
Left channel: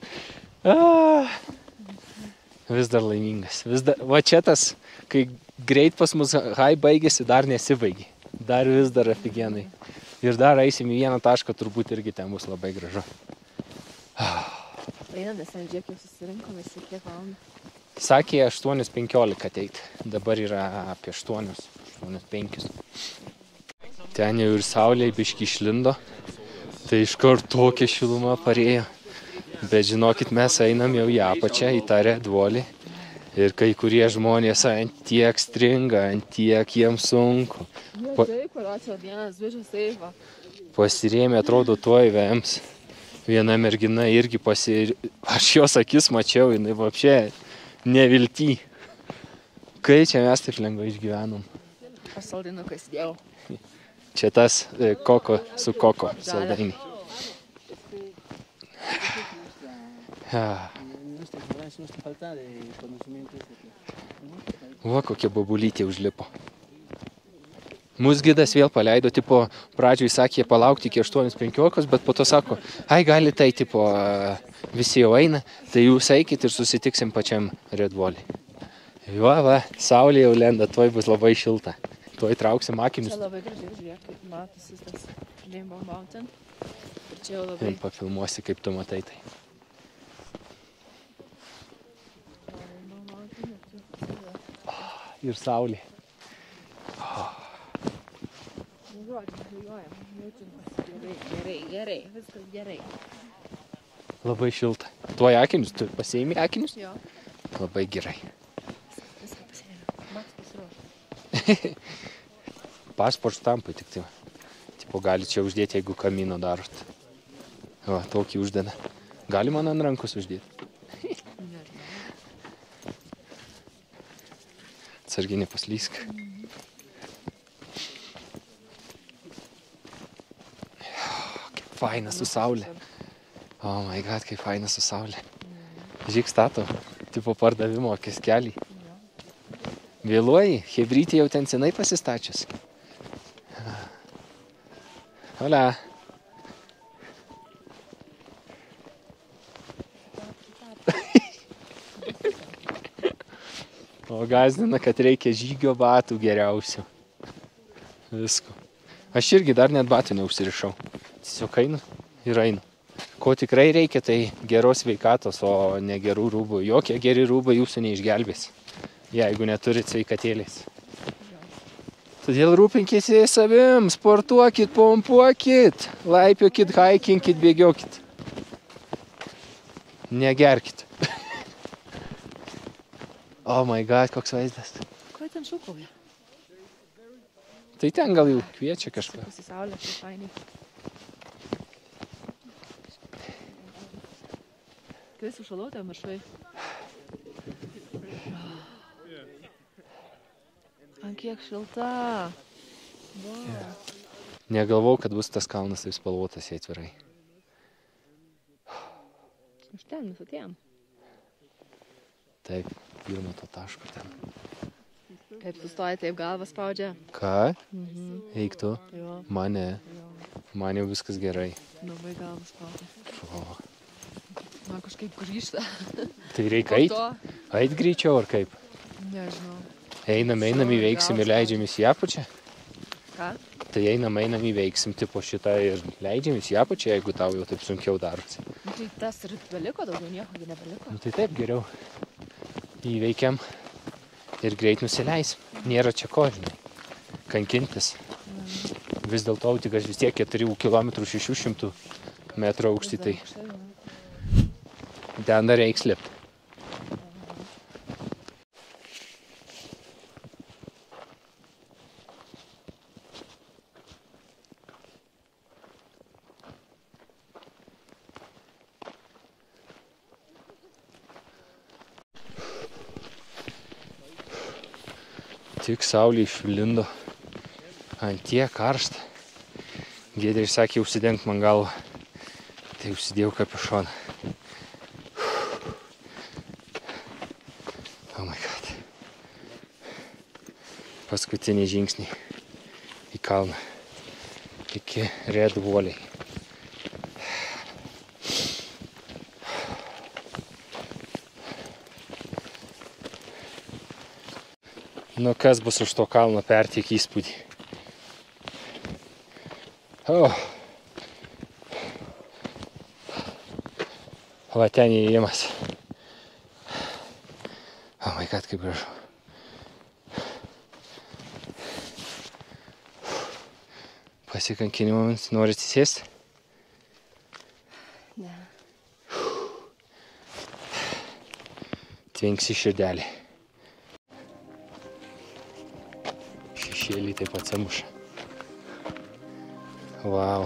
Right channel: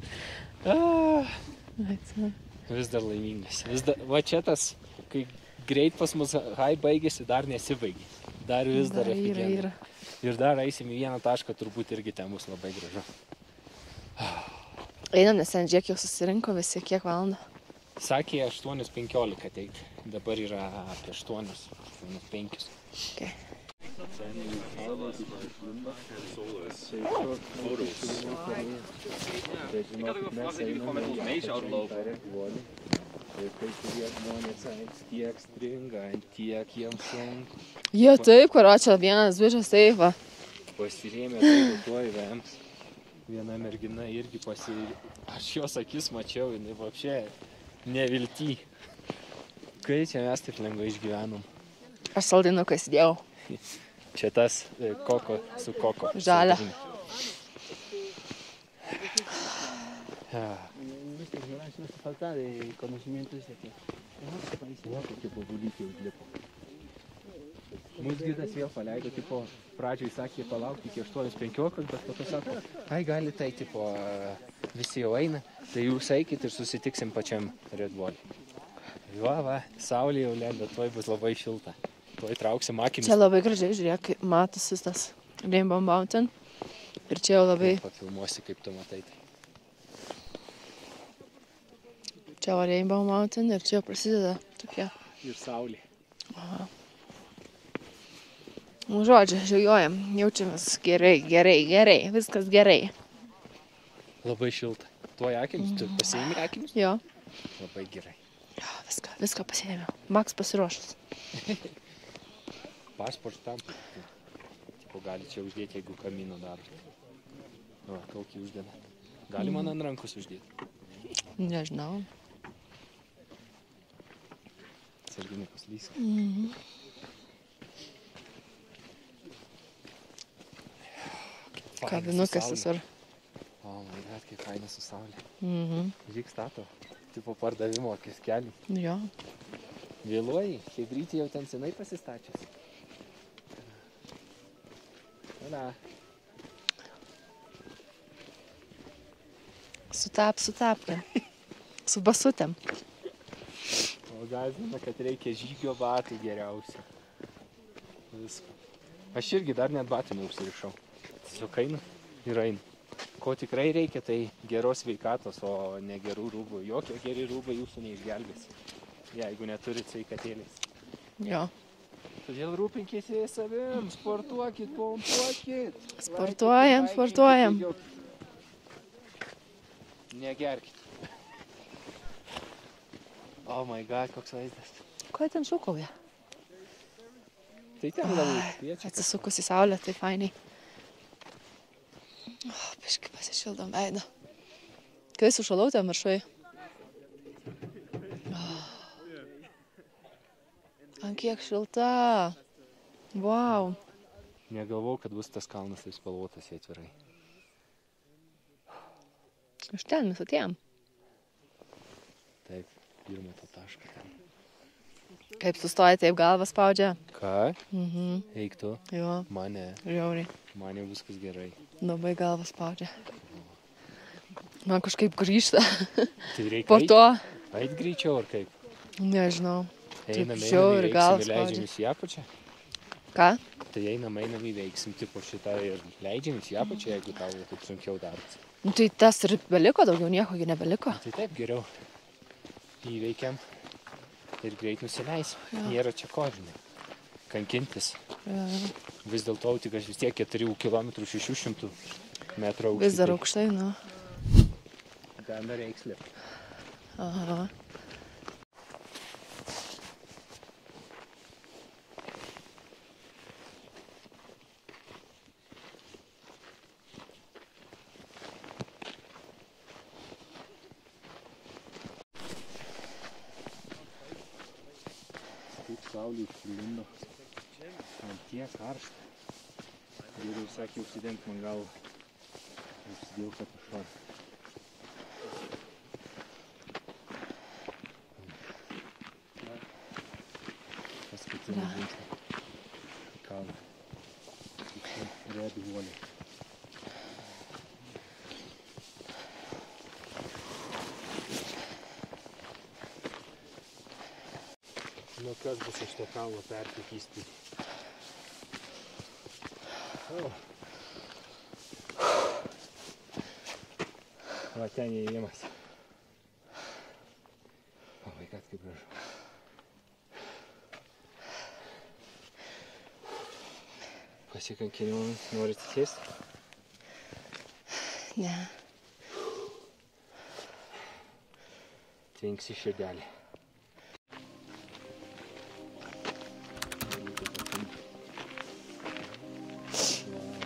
Vis dar laimingas. Va čia tas, kai greit pas mus hai baigėsi, dar nesibaigė. Dar vis dar afigenai. Ir dar eisim į vieną tašką, turbūt irgi ten bus labai gražu. Einam, nes ten žiūrėk jau susirinko visi, kiek valandą. Sakė 8:15 ateit. Dabar yra apie 8:05. Okay. Ten jau ir saulė biški išlindo. Tai iš karto tokia šiluma parėjo. Bet žinokit, mes einam jau į apačią, į tą redvolį. Ir kai kurie žmonės ant tiek stringa, ant tiek jiems sunku. Jo, taip, kurio čia vienas bišas taip va. Pasirėmė, atrodo, tuoj vems. Viena mergina irgi Aš jos akis mačiau, jinai vapšė nevilty. Kai čia mes taip lengvai išgyvenom. Aš saldainuką įsidėjau. Čia tas koko su koko. Žalia. saldainiai. Va, kokie bobulytė užlipo. Mūsų gidas vėl paleido, tipo, pradžioj sakė palaukti iki 8:15, bet po to sako, ai gali tai, tipo, visi jau eina, tai jūs eikit ir susitiksim pačiam redvolį. Va, saulė jau lenda, tuoj bus labai šilta. Tuoj trauksim akinius. Čia labai gražiai, žiūrėk, kaip matosi tas Rainbow Mountain. Ir čia jau labai... Pafilmuosi, kaip tu matai tai. Čia va Rainbow Mountain ir čia jau prasideda tokie... Ir saulė. Nu, žodžiu, žiūrėjom, jaučiamės gerai, viskas gerai. Labai šilta. Tuoj akinius, tu pasiėmė akinius? Jo, Labai gerai. jo, viską pasiėmė. Maks pasiruošęs. Pasport štampų tik tai. Tipo, gali čia uždėti, jeigu kamino darot. Va, tokį uždeda. Gali man ant rankos uždėti. Nežinau. Atsargiai nepaslysk. Kaip faina su saulė. Oh my god, kaip faina su saulė. Žiūrėk stato. Tipo pardavimo kioskelį. Jo. Vėluoji, hebrytė jau ten senai pasistačius. Hola. Sutap. Su basutėm. O gazdina, kad reikia žygio batų geriausių. Visko. Aš irgi dar net batų neužsirišau. Tiesiog einu ir einu. Ko tikrai reikia, tai geros sveikatos, o ne gerų rūbų. Jokie geri rūbai jūsų neišgelbės, jeigu neturit sveikatėlės. Jo. Todėl rūpinkite savim, sportuokit, pompuokit, laipiokit, Sportuojam, haikinkit, sportuojam. bėgiokit. Negerkit. Oh my god, koks vaizdas. Ko ten šūkauja? Tai ten gal kviečia kažką. Atsisukus į saulę, tai fainiai. Biškai pasišildom veidą. Kai sušalau ten viršui. Ant kiek šilta. Vau. Negalvau, kad bus tas kalnas taip spalvotas, jei atvirai. Iš ten mes atėjom. Taip, pirmo to taško ten. Kaip sustoja, taip galvą spaudžia. Ką? Eik tu. Jo, Mane. žiauriai. Man jau viskas gerai. Labai galvą spaudžia. O, Man kažkaip grįžta. tai reikia Po eit? to, Eit greičiau ar kaip? nežinau. Einam, žiauriai įveiksim galvą ir leidžiam į apačią. Ką? Tai einam, įveiksim tipo šitą ir leidžiam į apačią, jeigu tau jau taip sunkiau darosi. Nu, tai tas ir beliko, daugiau nieko gi nebeliko. Tai taip geriau. Įveikiam ir greit nusileisim. Nėra čia ko, žinai. kankintis. Vis dėlto tik aš vis tiek 4 km 600 metrų aukštai. Vis dar aukštai, nu. Ten dar reiks lipti. Aha. Tik saulė išlindo. Ant tiek karšta. Giedrė sakė, užsidenk man galvą. Tai užsidėjau kapišoną. Oh my god. Paskutiniai žingsniai į kalną. Iki Red Valley. Nu, kas bus už to kalno pertiek įspūdį. Oh. Va ten įėjimas. Oh my god, kaip gražu. Pasikankinimams norit įsėsti? Ne. Tvinksi širdelį. Šešėlį taip pat samuša. Vau.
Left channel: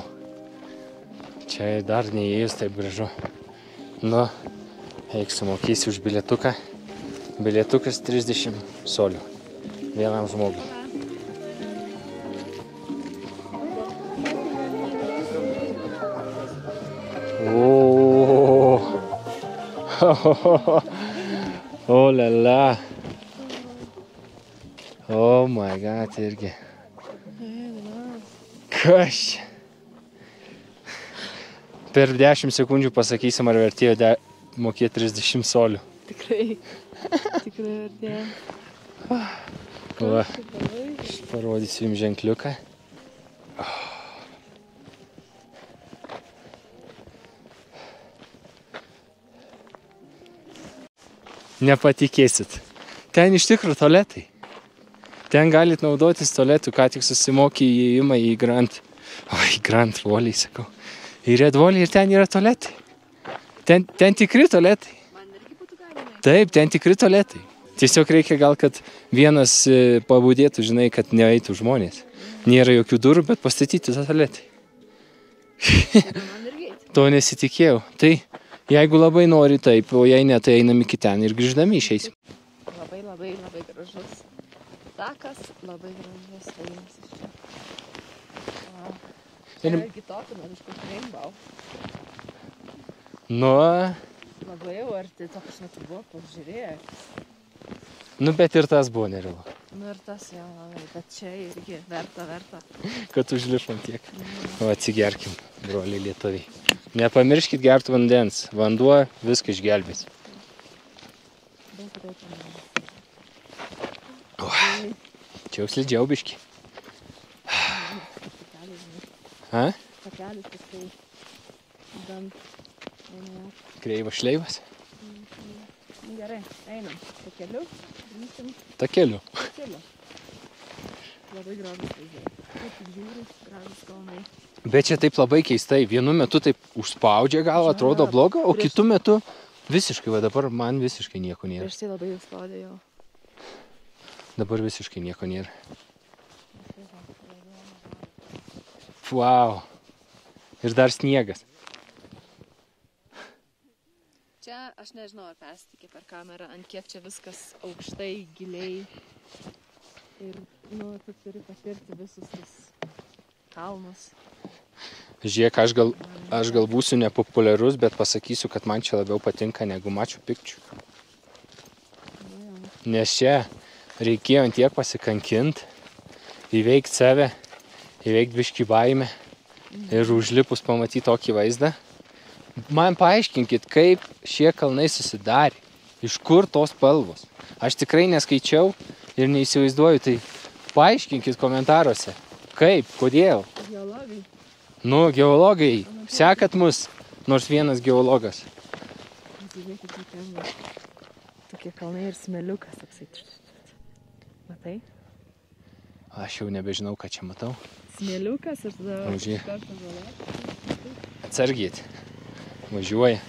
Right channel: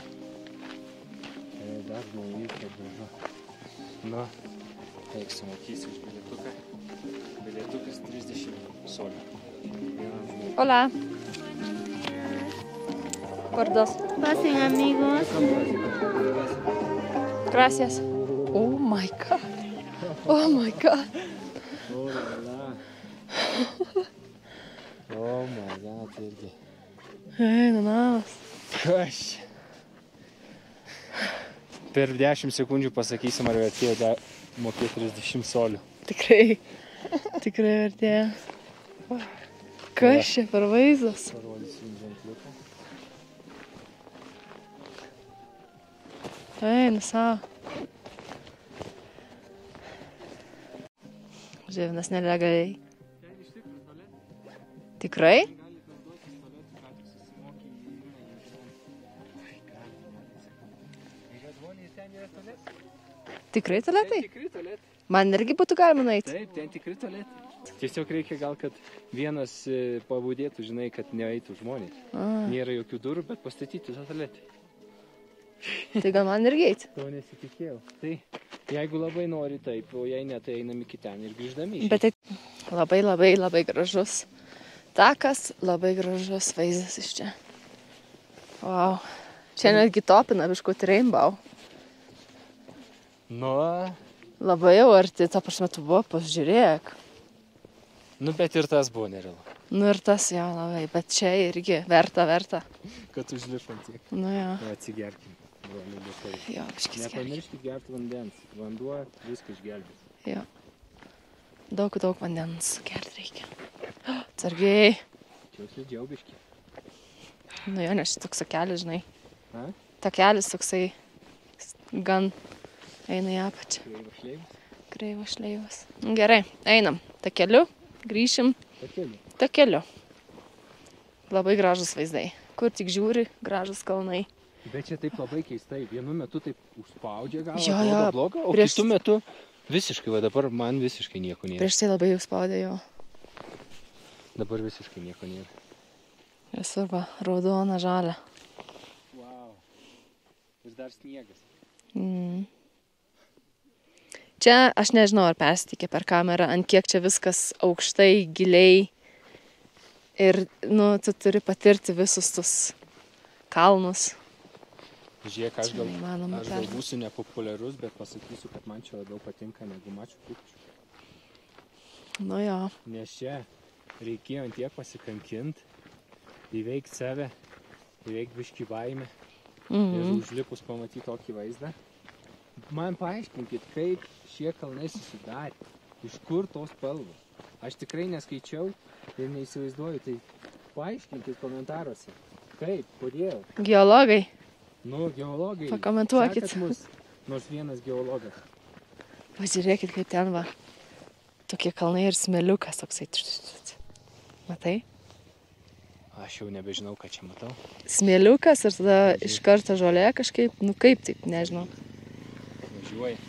Čia dar neįėjus taip gražu. Nu, eik sumokėsi už bilietuką. Bilietukas 30 solių. Vienam žmogui. Hola. Gordos. Pasen, amigos. Gracias. Oh, Oh my god. Oh my god. oh la la. Oh my god, irgi. Namas. Kas čia? Per 10 sekundžių pasakysim, ar vertėjo mokėti 30 solių. Tikrai. Tikrai artėja. Kas čia per vaizdas? Parodysiu jums ženkliuką. Eina savo. Nepatikėsit. Ten iš tikrųjų tualetai. Tikrai? Ten galit naudotis tualetu, ką tik susimokė įėjimą į Grand Valley, sakau. Į Red Valley ir ten yra tualetai. Tikrai Ten tikri tualetai. Man irgi būtų galima nueiti. Taip, ten tikri tualetai. Tiesiog reikia gal, kad vienas pabudėtų, žinai, kad neeitų žmonės. Nėra jokių durų, bet pastatyti tualetai. Tai gal man irgi eiti. To nesitikėjau. Tai jeigu labai nori taip, o jei ne, tai einam iki ten ir grįždami išeis. Labai gražus takas, labai gražus vaizdas iš čia. Wow. Čia netgi topina biškutį Rainbow. Nu, Labai jau arti, ta prasme, tu buvo, pasižiūrėk. nu, bet ir tas buvo nerealu. Nu ir tas jo labai, bet čia irgi verta. Kad užlipom tiek. Nu jo. O atsigerkim, broliai lietuviai. Jo, biškis. Nepamirškit gerti vandens. Vanduo viską išgelbės. Jo. Daug vandens gerti reikia. Taigi, Čia jau slidžiau biški. jo, nes toks takelis, žinai. Ha? Takelis toksai gan eina į apačią. Kreivas šleivas. Kreivas šleivas. Gerai, einam. Takeliu, grįšim. Takeliu. Takeliu. Labai gražus vaizdai. Kur tik žiūri, gražus kalnai. Bet čia taip labai keistai. Vienu metu taip užspaudžia gal, Jo, atrodo bloga, o prieš- kitu metu visiškai, va dabar man visiškai nieko nėra. Prieš tai labai jau spaudė jo. Dabar visiškai nieko nėra. Esu va, raudona, žalia. Wow. Ir dar sniegas. Čia aš nežinau, ar persitikė per kamerą, ant kiek čia viskas aukštai, giliai. Ir, nu, tu turi patirti visus tus kalnus. Žiūrėk, aš gal būsiu nepopuliarus, bet pasakysiu, kad man čia labiau patinka negu Machu Picchu. Nu jo. Nes čia reikėjo ant tiek pasikankinti, įveikti save, įveikti biškį baimę ir užlipus pamatyti tokį vaizdą. Man paaiškinkit, kaip šie kalnai susidarė, iš kur tos spalvos. Aš tikrai neskaičiau ir neįsivaizduoju, tai paaiškinkit komentaruose, kaip, kodėl. Geologai. Nu, geologai, Pakomentuokit. sekat mus, nors vienas geologas. Pažiūrėkit, kaip ten va. Tokie kalnai ir smėliukas toksai. Matai? Aš jau nebežinau, ką čia matau. Smėliukas ir tada iš karto žolė kažkaip, nu kaip taip, nežinau. Atsargiai. Važiuoja.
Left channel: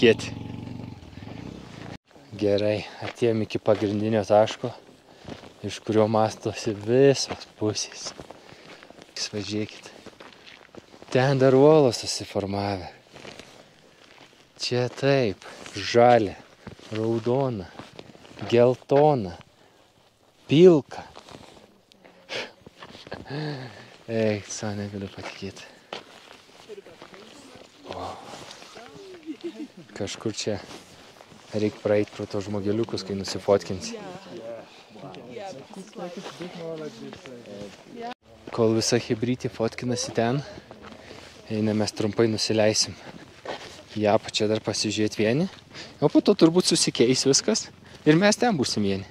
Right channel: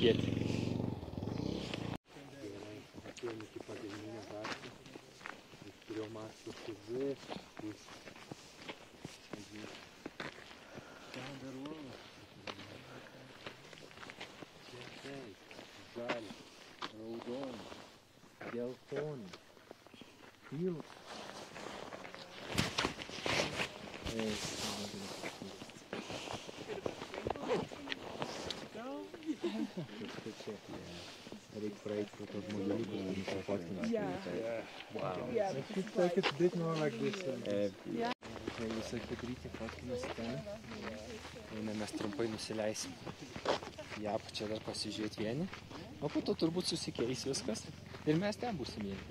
Kieti. Gerai, atėjom iki pagrindinio taško, iš kurio mastosi visos pusės. Važiuokit. Ten dar uolos susiformavę. Čia taip, žalia, raudona, geltona, pilka. Eik, sau negaliu patikėti. Kažkur čia reikia praeiti pro to žmogeliukus, kai nusifotkinsi. Kol visa hebrytė fotkinasi ten, mes trumpai nusileisim į apačią dar pasižiūrėti vieni, o po to turbūt susikeis viskas ir mes ten būsim vieni.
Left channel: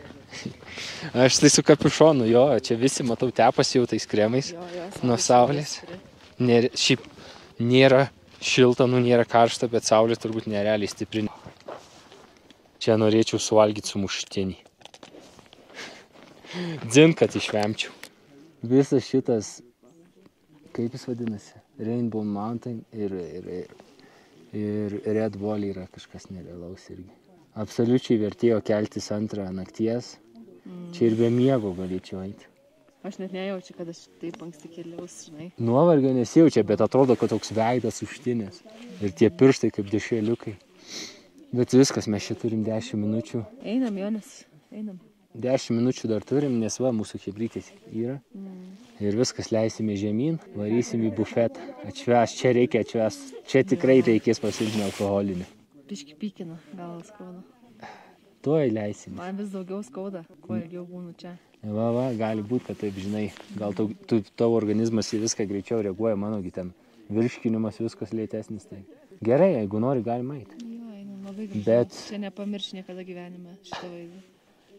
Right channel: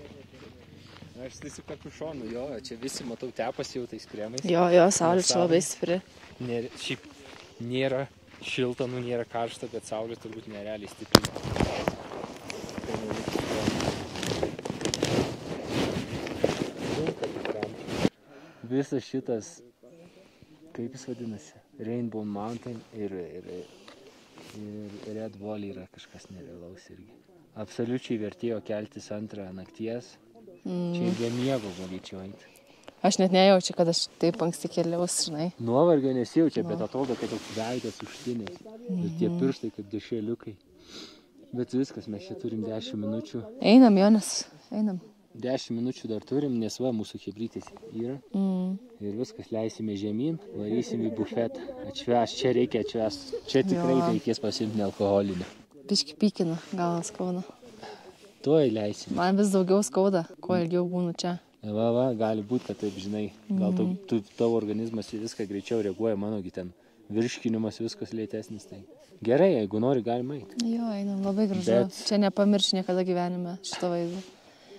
Aš tai su kapišonu, jo, čia visi matau tepas jau tais kremais. Jo, saulė labai stipri. Šiaip nėra šilta, nėra karšta, bet saulė turbūt nerealiai stipri. Čia norėčiau suvalgyti sumuštinį. Dzin, kad išvemčiau. Visas šitas, kaip jis vadinasi, Rainbow Mountain ir Red Wall yra kažkas nerealaus irgi. Absoliučiai vertėjo keltis 2 nakties. Čia ir be miego galėčiau eiti. Aš net nejaučiu, kad aš taip anksti keliaus, žinai. Nuovargio nesijaučia, bet atrodo, kad toks veidas užtinės. Ir tie pirštai kaip dešreliukai. Bet viskas, mes čia turim 10 minučių. Einam, Jonas, einam. 10 minučių dar turim, nes va, mūsų hebrytės yra. Ir viskas, leisime žemyn, varysim į bufetą. Atšvęs, čia reikia atšvęs. Čia tikrai reikės pasiimti alkoholinio. Biški pykina, gal skauda. Tuoj leisim. Man vis daugiau skauda, kuo ilgiau būnu čia. Va, gali būti, kad taip, žinai. Gal tavo organizmas į viską greičiau reaguoja, manogi ten virškinimas viskas lėtesnis. Tai. Gerai, jeigu nori, galima eiti. Jo, einam, labai gražu. Čia nepamirš niekada gyvenime šito vaizdo.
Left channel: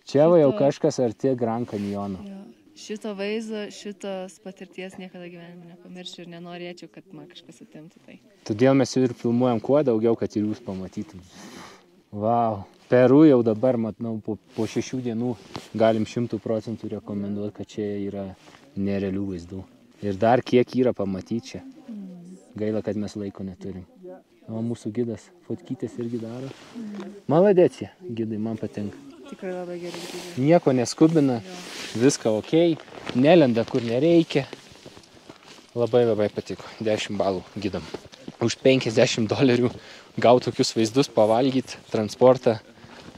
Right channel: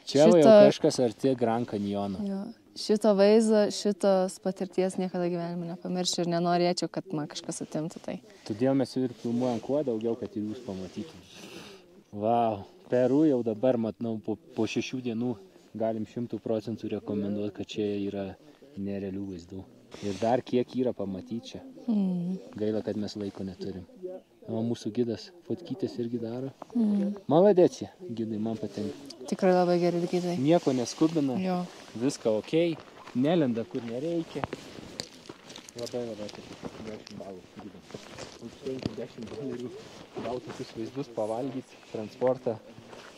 Čia jau kažkas arti Grand Canyono. Jo. Šito vaizdo, šitos patirties niekada gyvenime nepamiršiu ir nenorėčiau, kad man kažkas atimtų tai. Todėl mes ir filmuojam kuo daugiau, kad ir jūs pamatytum. Vau. Peru jau dabar, matau, po 6 dienų galim 100% rekomenduoti, kad čia yra nerealių vaizdų. Ir dar kiek yra pamatyti čia. Gaila, kad mes laiko neturim. O mūsų gidas fotkytės irgi daro. Maladėcija, gidai, man patinka. Tikrai labai gerai gidai. Nieko neskubina, viską ok, nelenda kur nereikia. Labai patiko, 10 balų gidam. Už $50 gauti tokius vaizdus, pavalgyti, transportą,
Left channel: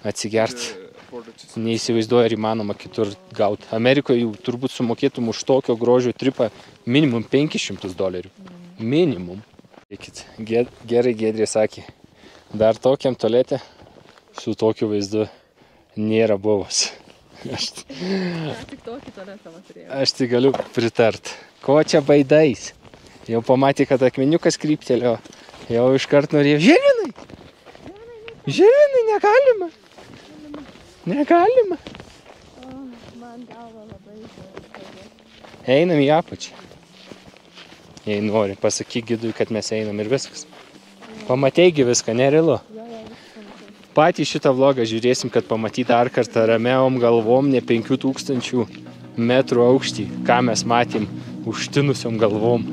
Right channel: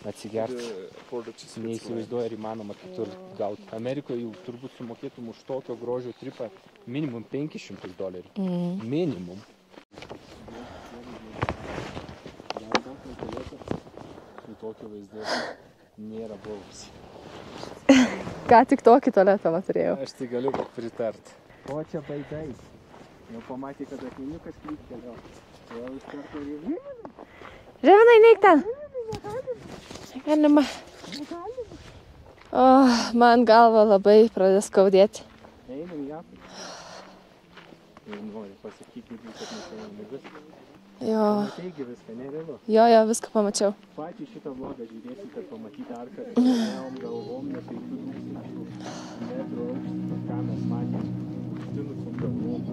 atsigerti. Neįsivaizduoju, ar įmanoma kitur gauti. Amerikoje jau turbūt sumokėtum už tokio grožio tripą minimum $500. Minimum. Gerai Giedrė sakė, dar tokiam tualete su tokiu vaizdu nėra buvus. Ką tik tokį tualetą turėjau. Aš tik galiu pritart. Ko čia baidais? Jau pamatė, kad akmeniukas kryptelėjo. Jau iškart norėjo. Žirvinai! Žirvinai, neik ten. Žirvinai, negalima. Negalima. O, man galva labai pradės skaudėti. Einam į apačią. Jei nori, pasakyk gidui, kad mes einam ir viskas. Pamatėgi viską, nerealu. Jo, viską pamačiau. Patį šitą vlogą žiūrėsim, kad pamatyti dar kartą ramiom galvom, ne 5000 metrų aukštį, ką mes matėm užtinusiom galvom.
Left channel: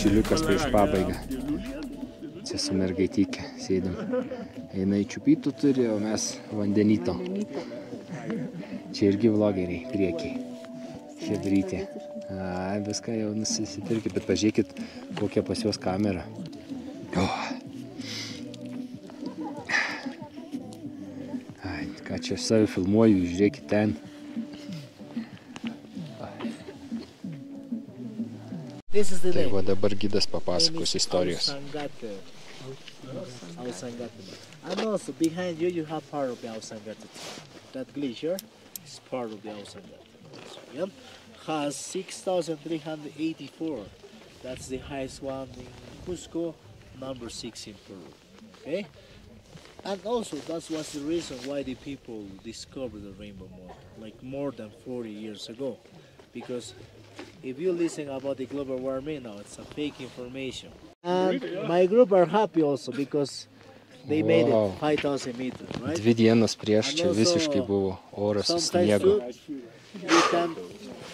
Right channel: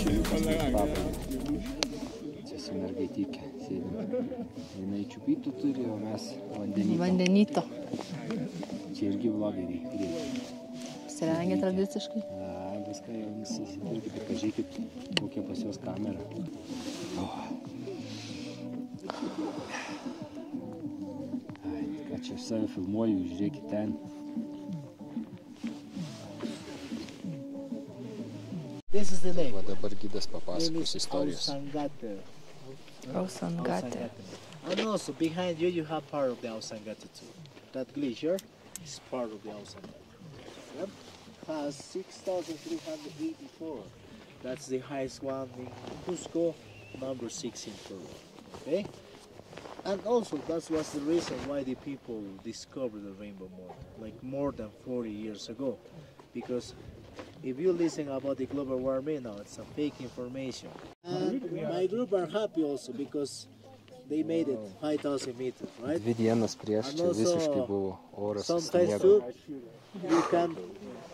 Čiliukas prieš pabaigą. Čia su mergaitykė sėdim. Einai čiupytų turi, o mes vandenyto. Čia irgi vlogeriai priekiai. apsirengia tradiciškai. Viską jau nusipirkit, bet pažiūrėkit, kokia pas juos kamera. Ką čia aš save filmuoju, žiūrėkit ten. Tai va dabar gidas papasakos istorijos. Ausangate. And also behind you, you have part of the Ausangate too. That glacier is part of the Ausangate. Yep. Has 6,384. That's the highest one in Cusco, number 6 in Peru. Okay. And also that was the reason why the people discovered the rainbow moon, like more than 40 years ago. Because if you listen about the global warming, no, it's a fake information. And my group are happy also because they made it 5,000 meters, right? 2 dienos prieš čia visiškai buvo oras su Sometimes sniegu. you can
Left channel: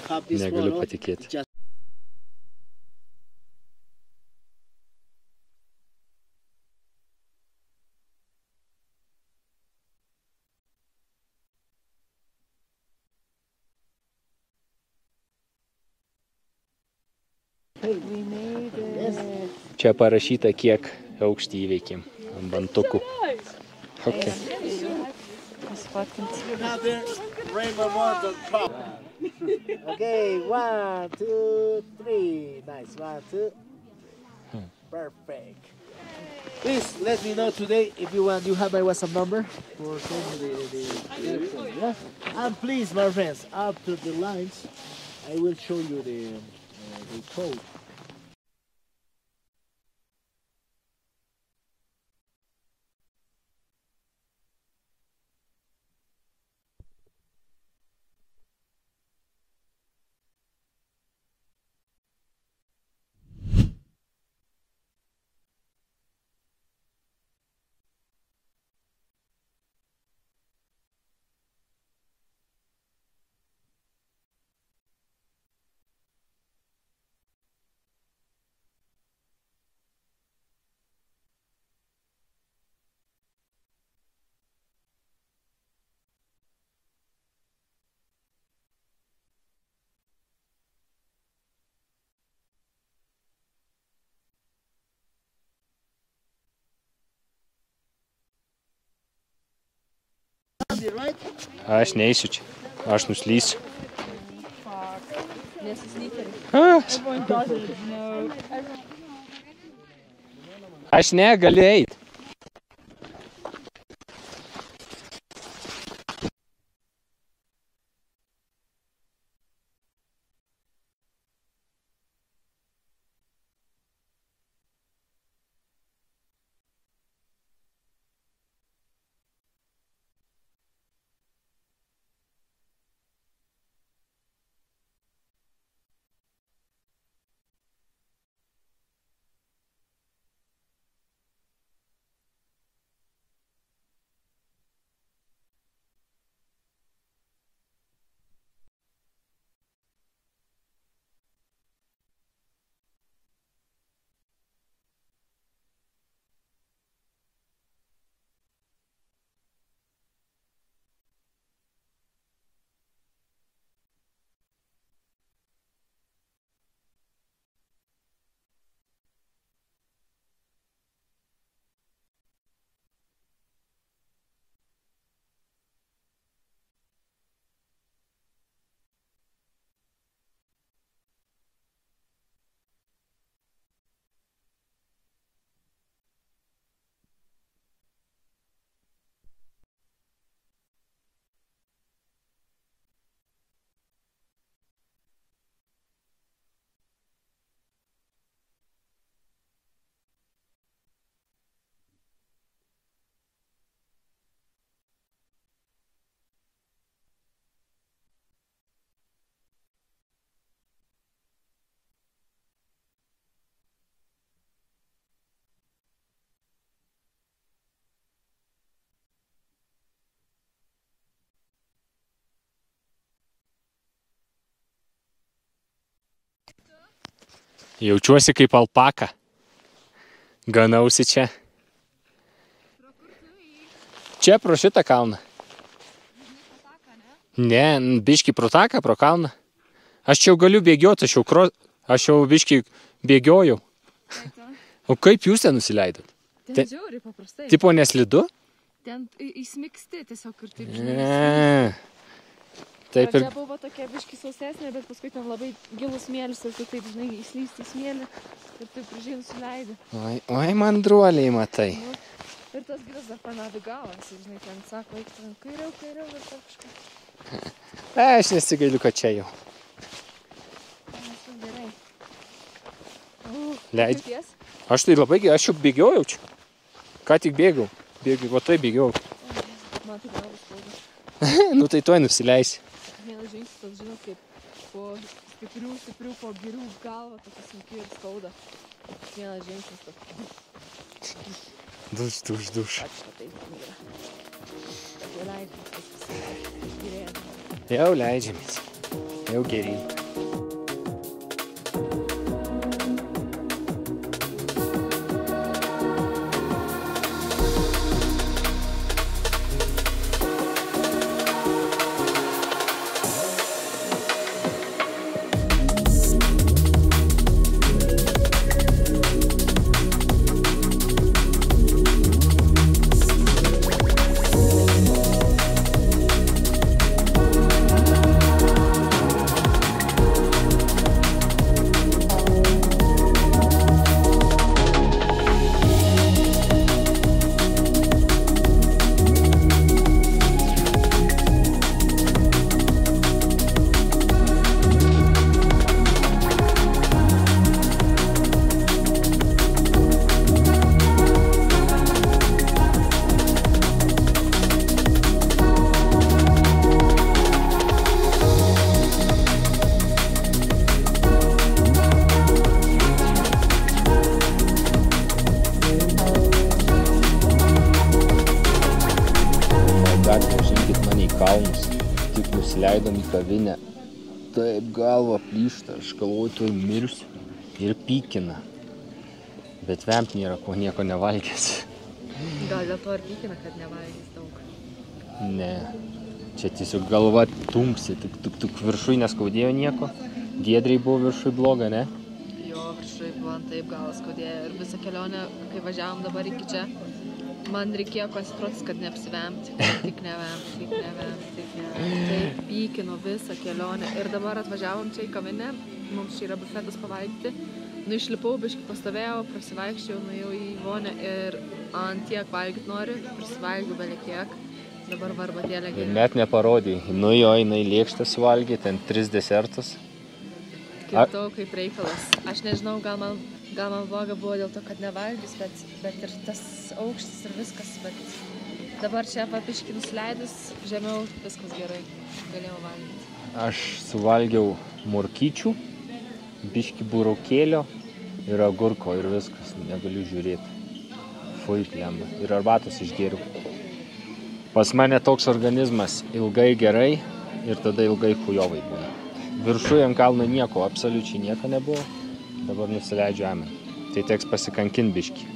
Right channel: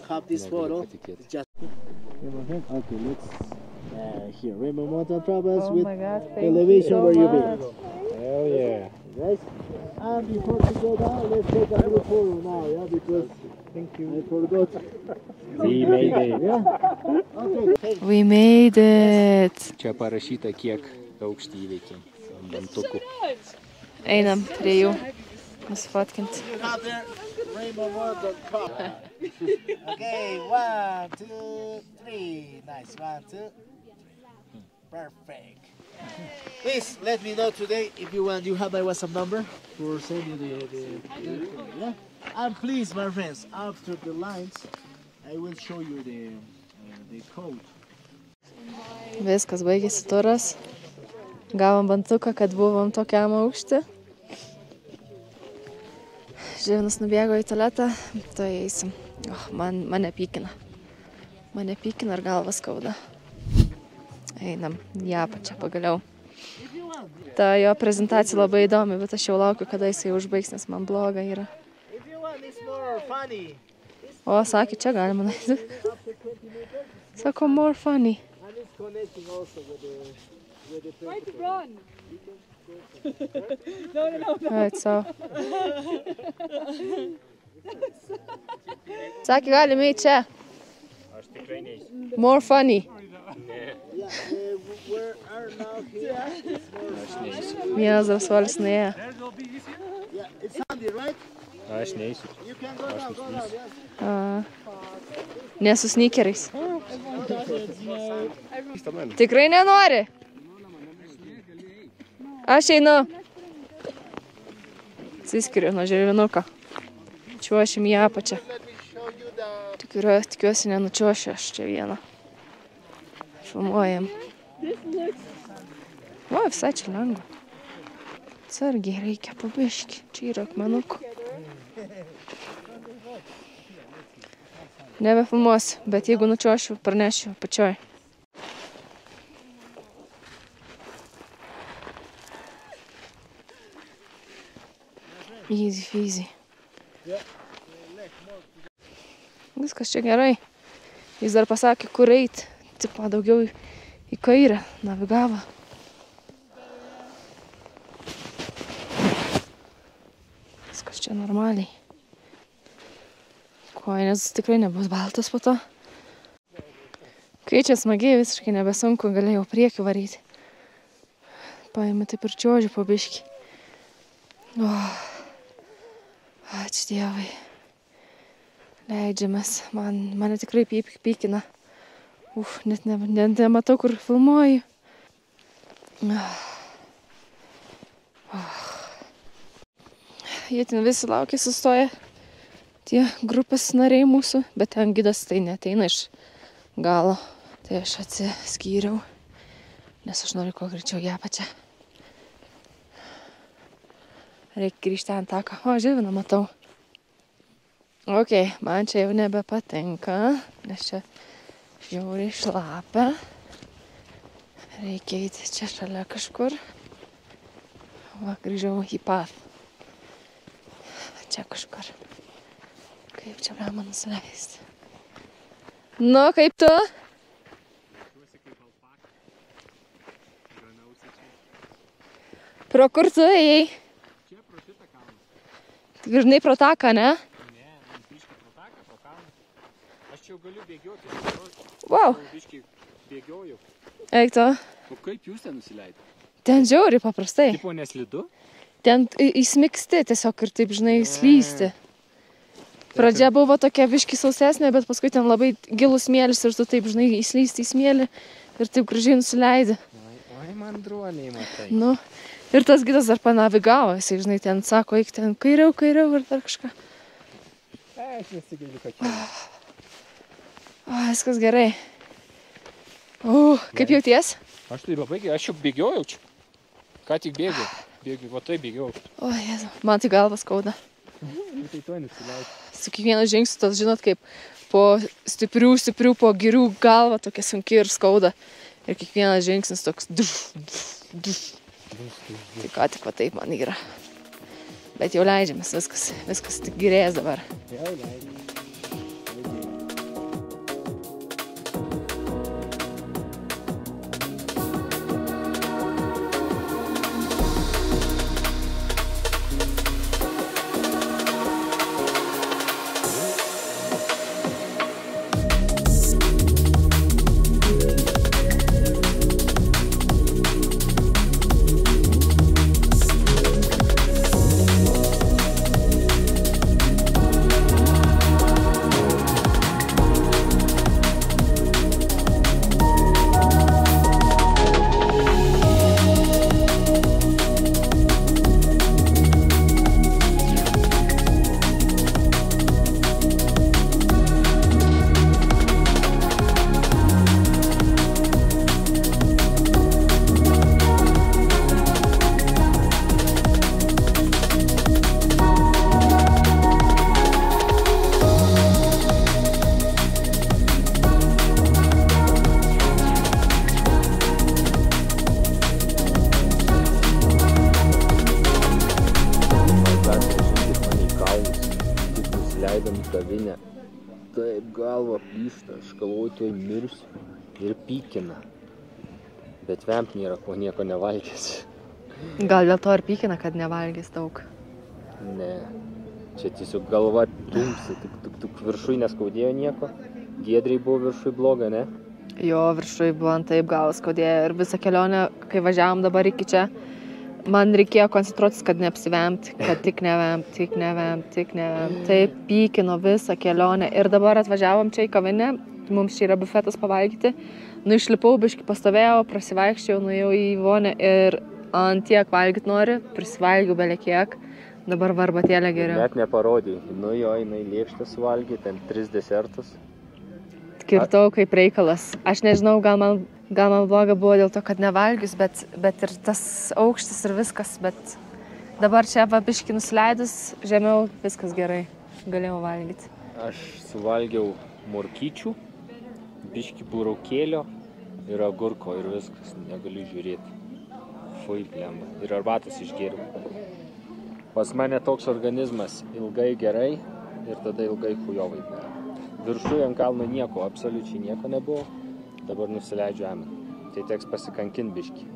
have this Negaliu photo. patikėti. Just okay, let's here Rainbow Mountain Travels with elevation where you been. Hell yeah. Guys, and before we go down, let's take a little photo now, yeah, because I forgot. We made it. Yeah. Okay. Thank you. We made it. Čia parašyta, kiek aukštį įveikėm ant bantukų. Einam prie jų. Pasfatkinti. Another Rainbow Mountain Travels. Okay, 1, 2, 3. Nice. 1, 2. Perfect. Please let me know today if you want. You have my WhatsApp number for sending the yeah. And please, my friends, after the lines, I will show you the code. Viskas, baigėsi turas. Gavom bantuką, kad buvom tokiam aukšti. Žilvinas nubėgo į tualetą, to eisim. Mane pykina. Mane pykina ir galva skauda. Einam į apačią pagaliau. Ta jo prezentacija labai įdomi, bet aš jau laukiu, kada jisai užbaigs, nes man bloga yra. O, sakė, čia galima naiti. Sako, more funny. Right, so. Sakė, galime į čia. More funny. Vienas drąsuolis nuėjo. Aš neįsiu čia. Aš nuslysiu. Ne su sneakeriais. Tikrai nenori? Aš negaliu eit. Aš einu. Atsiskiriu nuo Žilvinuko. Čiuošim į apačią. Tikiuosi nenučiuošiu aš čia vieną. Filmuojam. O, visai čia lengva. Atsargiai reikia pabiški. Čia yra akmenukų. Nebefilmuosiu, bet jeigu nučiuošiu, pranešiu pačioj. Easy, easy. Viskas čia gerai. Jis dar pasakė, kur eit. Tipo, daugiau į kairę navigavo. Viskas čia normaliai. Koinės tikrai nebus baltas po to. Kai čia smagiai, visiškai nebesunku, galėjau priekį varyti. Paėmė taip ir čiuožiu po biškį. Ačiū Dievai. Leidžiamės. Mane tikrai pykina. Net nematau, kur filmuoju. Jie ten visi laukia, sustoja. Tie grupės nariai mūsų, bet ten gidas tai neteina iš galo. Tai aš atsiskyriau, nes aš noriu kuo greičiau į apačią. Reikia grįžti ant taką. O, Žilviną matau. Ok, man čia jau nebepatinka, nes čia žiauriai šlapia. Reikia eiti čia šalia kažkur. Va, grįžau į path. Čia kažkur. Kaip čia galima nusileisti? Nu, kaip tu? Jaučiuosi kaip alpaka. Ganausi čia. Pro kur tu ėjai? Čia pro šitą kalną. Grįžnai pro taką, ne? Ne, biškį pro taką, pro kalną. Aš čia jau galiu bėgioti, aš jau biškį bėgiojau. Eik to. O kaip jūs ten nusileido? Ten žiauriai paprastai. Tipo neslidu? Ten įsmiksti tiesiog ir taip, žinai, slysti. Pradžia buvo tokia biškį sausesnė, bet paskui ten labai gilus smėlis ir tu taip, žinai, įslysti į smėlį ir taip gražiai nusileidi. Oi, mandruoliai, matai. Nu, ir tas gidas dar panavigavo, jisai, žinai, ten sako, eik ten kairiau ir dar kažką. Aš nesigailiu, kad čia. Viskas gerai. Kaip jauties? Aš tai labai gerai, aš jau bėgiojau čia. Ką tik bėgiau. Va tai bėgiau. O, Jėzu, man tai galvas skauda. Nu tai tuoj nusileisi. Su kiekvienu žingsniu tas, žinot, kaip po stiprių, po girių galva tokia sunki ir skauda. Ir kiekvienas žingsnis toks duš. Ką tik va taip man yra. Bet jau leidžiamės, viskas tik gerės dabar. Jau leidžiamės. Jau geriai. Leidom į kavinę. Taip galva plyšta, aš galvoju, tuoj mirsiu ir pykina. Bet vemt nėra, ko nieko nevalgęs. Gal dėl to ir pykina, kad nevalgys daug? Ne, čia tiesiog galva tumsi, tik viršui neskaudėjo nieko. Giedriai buvo viršui bloga, ne? Jo, viršui buvo taip galvas skaudėjo ir visą kelionę, kai važiavom dabar iki čia, man reikėjo koncentruotis, kad neapsivemt, kad tik nevemt. Taip pykino visą kelionę. Ir dabar atvažiavom čia į kavinę, mums čia yra bufetas pavalgyti. Išlipau, biškį pastovėjau, prasivaikščiau, nuėjau į vonę ir ant tiek valgyt nori, prisivalgiau belekiek. Dabar varbatėlė geriau. Net neparodai. Nu jo, jinai lėkštą suvalgė, ten 3 desertus. Kirtau kaip reikalas. Aš nežinau, gal man bloga buvo dėl to, kad nevalgius, bet ir tas aukštis ir viskas, bet dabar čia va biškį nusileidus, žemiau viskas gerai, galėjau valgyti. Aš suvalgiau morkyčių, biškį burokėlio ir agurko ir viskas, negaliu žiūrėti. Fui, plemba. Ir arbatos išgėriau. Pas mane toks organizmas ilgai gerai ir tada ilgai chujovai būna. Viršuje ant kalno nieko, absoliučiai nieko nebuvo. Dabar nusileidžiu amen. Tai teks pasikankin biškį.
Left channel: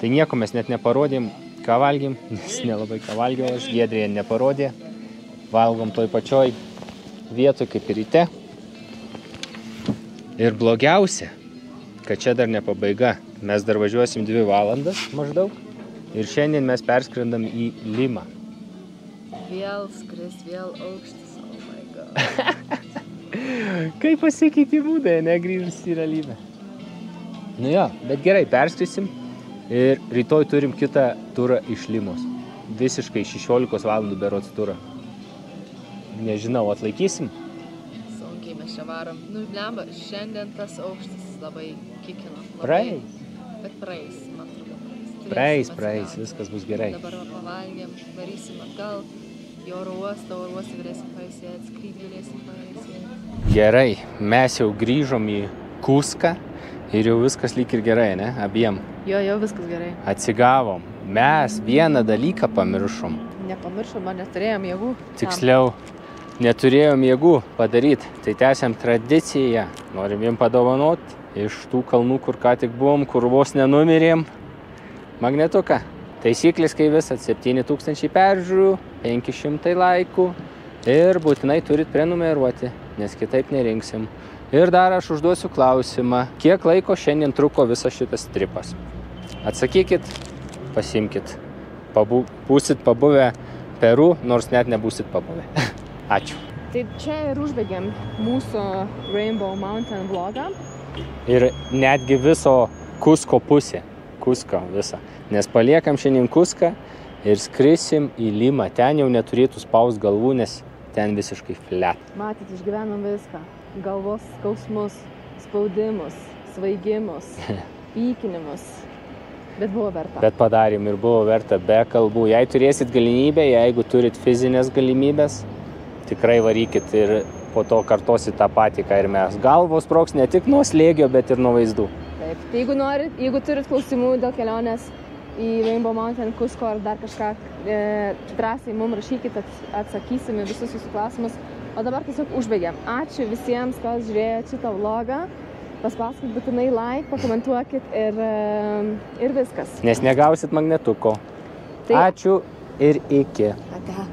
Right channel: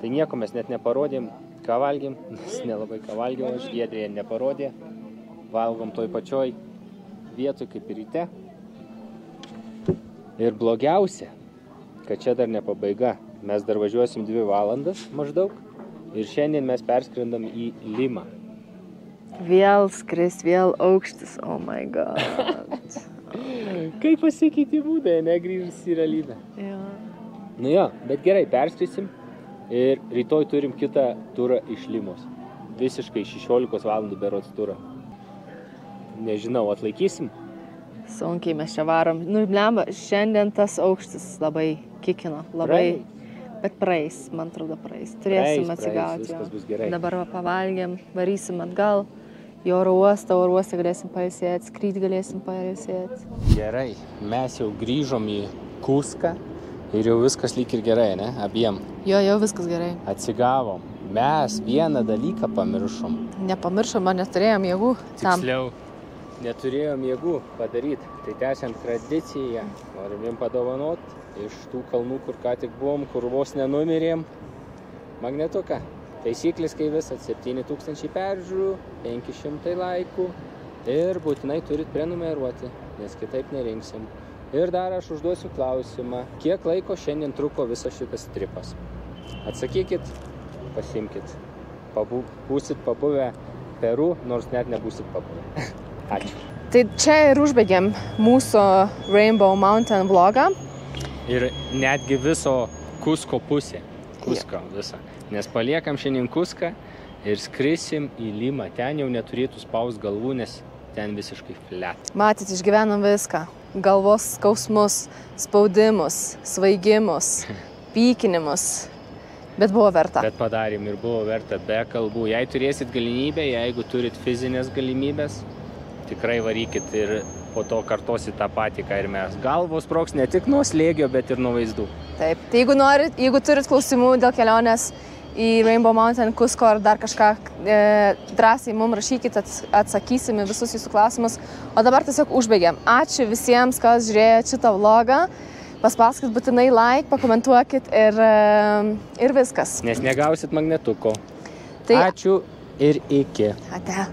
Tai nieko mes net neparodėm, ką valgėm, nes nelabai ką valgiau aš, Giedrėje neparodė. Valgom toj pačioj vietoj kaip ir ryte. Ir blogiausia, kad čia dar ne pabaiga. Mes dar važiuosim 2 valandas maždaug ir šiandien mes perskrendam į Limą. Vėl skris, vėl aukštis, oh my god. Kaip pasikeitė būdai, negrįžus į realybę. Jo. Nu jo, bet gerai, perskrisim ir rytoj turim kitą turą iš Limos. Visiškai 16 valandų berods turą. Nežinau, atlaikysim? Sunkiai mes čia varom. Nu, blemba, šiandien tas aukštis labai kikino, labai. Bet praeis, man atrodo, praeis. Turėsim atsigauti. Viskas bus gerai. Dabar pavalgėm, varysim atgal. Į oro uostą galėsim pailsėti, skrydį galėsim pailsėti. Gerai, mes jau grįžom į Kuską ir jau viskas lyg ir gerai, ne? Abiem. Jo, viskas gerai. Atsigavom. Mes vieną dalyką pamiršom. Nepamiršom, man neturėjom jėgų. Tiksliau, neturėjom jėgų padaryti. Tai tęsiam tradiciją. Norim jiem padovanoti iš tų kalnų, kur ką tik buvom, kur vos nenumirėm. Magnetuką. Taisyklės kai visat 7000 peržiūrų, 500 laikų ir būtinai turit prenumeruoti. nes kitaip nerinksim. Ir dar aš užduosiu klausimą, kiek laiko šiandien truko visas šitas tripas. Atsakykit, pasimkit. Būsit pabuvę Peru, nors net nebūsit pabuvę. Ačiū. Tai čia ir užbaigėm mūsų Rainbow Mountain vlogą. Ir netgi viso Kusko pusė. Kusko visą. Nes paliekam šiandien Kuską ir skrisim į Limą. Ten jau neturėtų spaust galvų, nes ten visiškai flat. Matyt, išgyvenom viską. Galvos skausmus, spaudimus, svaigimus, pykinimus. Bet buvo verta. Bet padarėm ir buvo verta be kalbų. Jei turėsit galimybę, jeigu turit fizinės galimybės, tikrai varykit ir po to kartosit tą patį, ką ir mes. Galvos sprogs ne tik nuo slėgio, bet ir nuo vaizdų. Taip. Tai jeigu turit klausimų dėl kelionės į Rainbow Mountain, Kusko ar dar kažką, drąsiai mums rašykit, atsakysime visus jūsų klausimus. O dabar tiesiog užbaigiam. Ačiū visiems, kas žiūrėjo šitą vlogą. Paspaskit būtinai like, pakomentuokit ir viskas. Nes negausit magnetuko. Tai... Ačiū ir iki. Ate.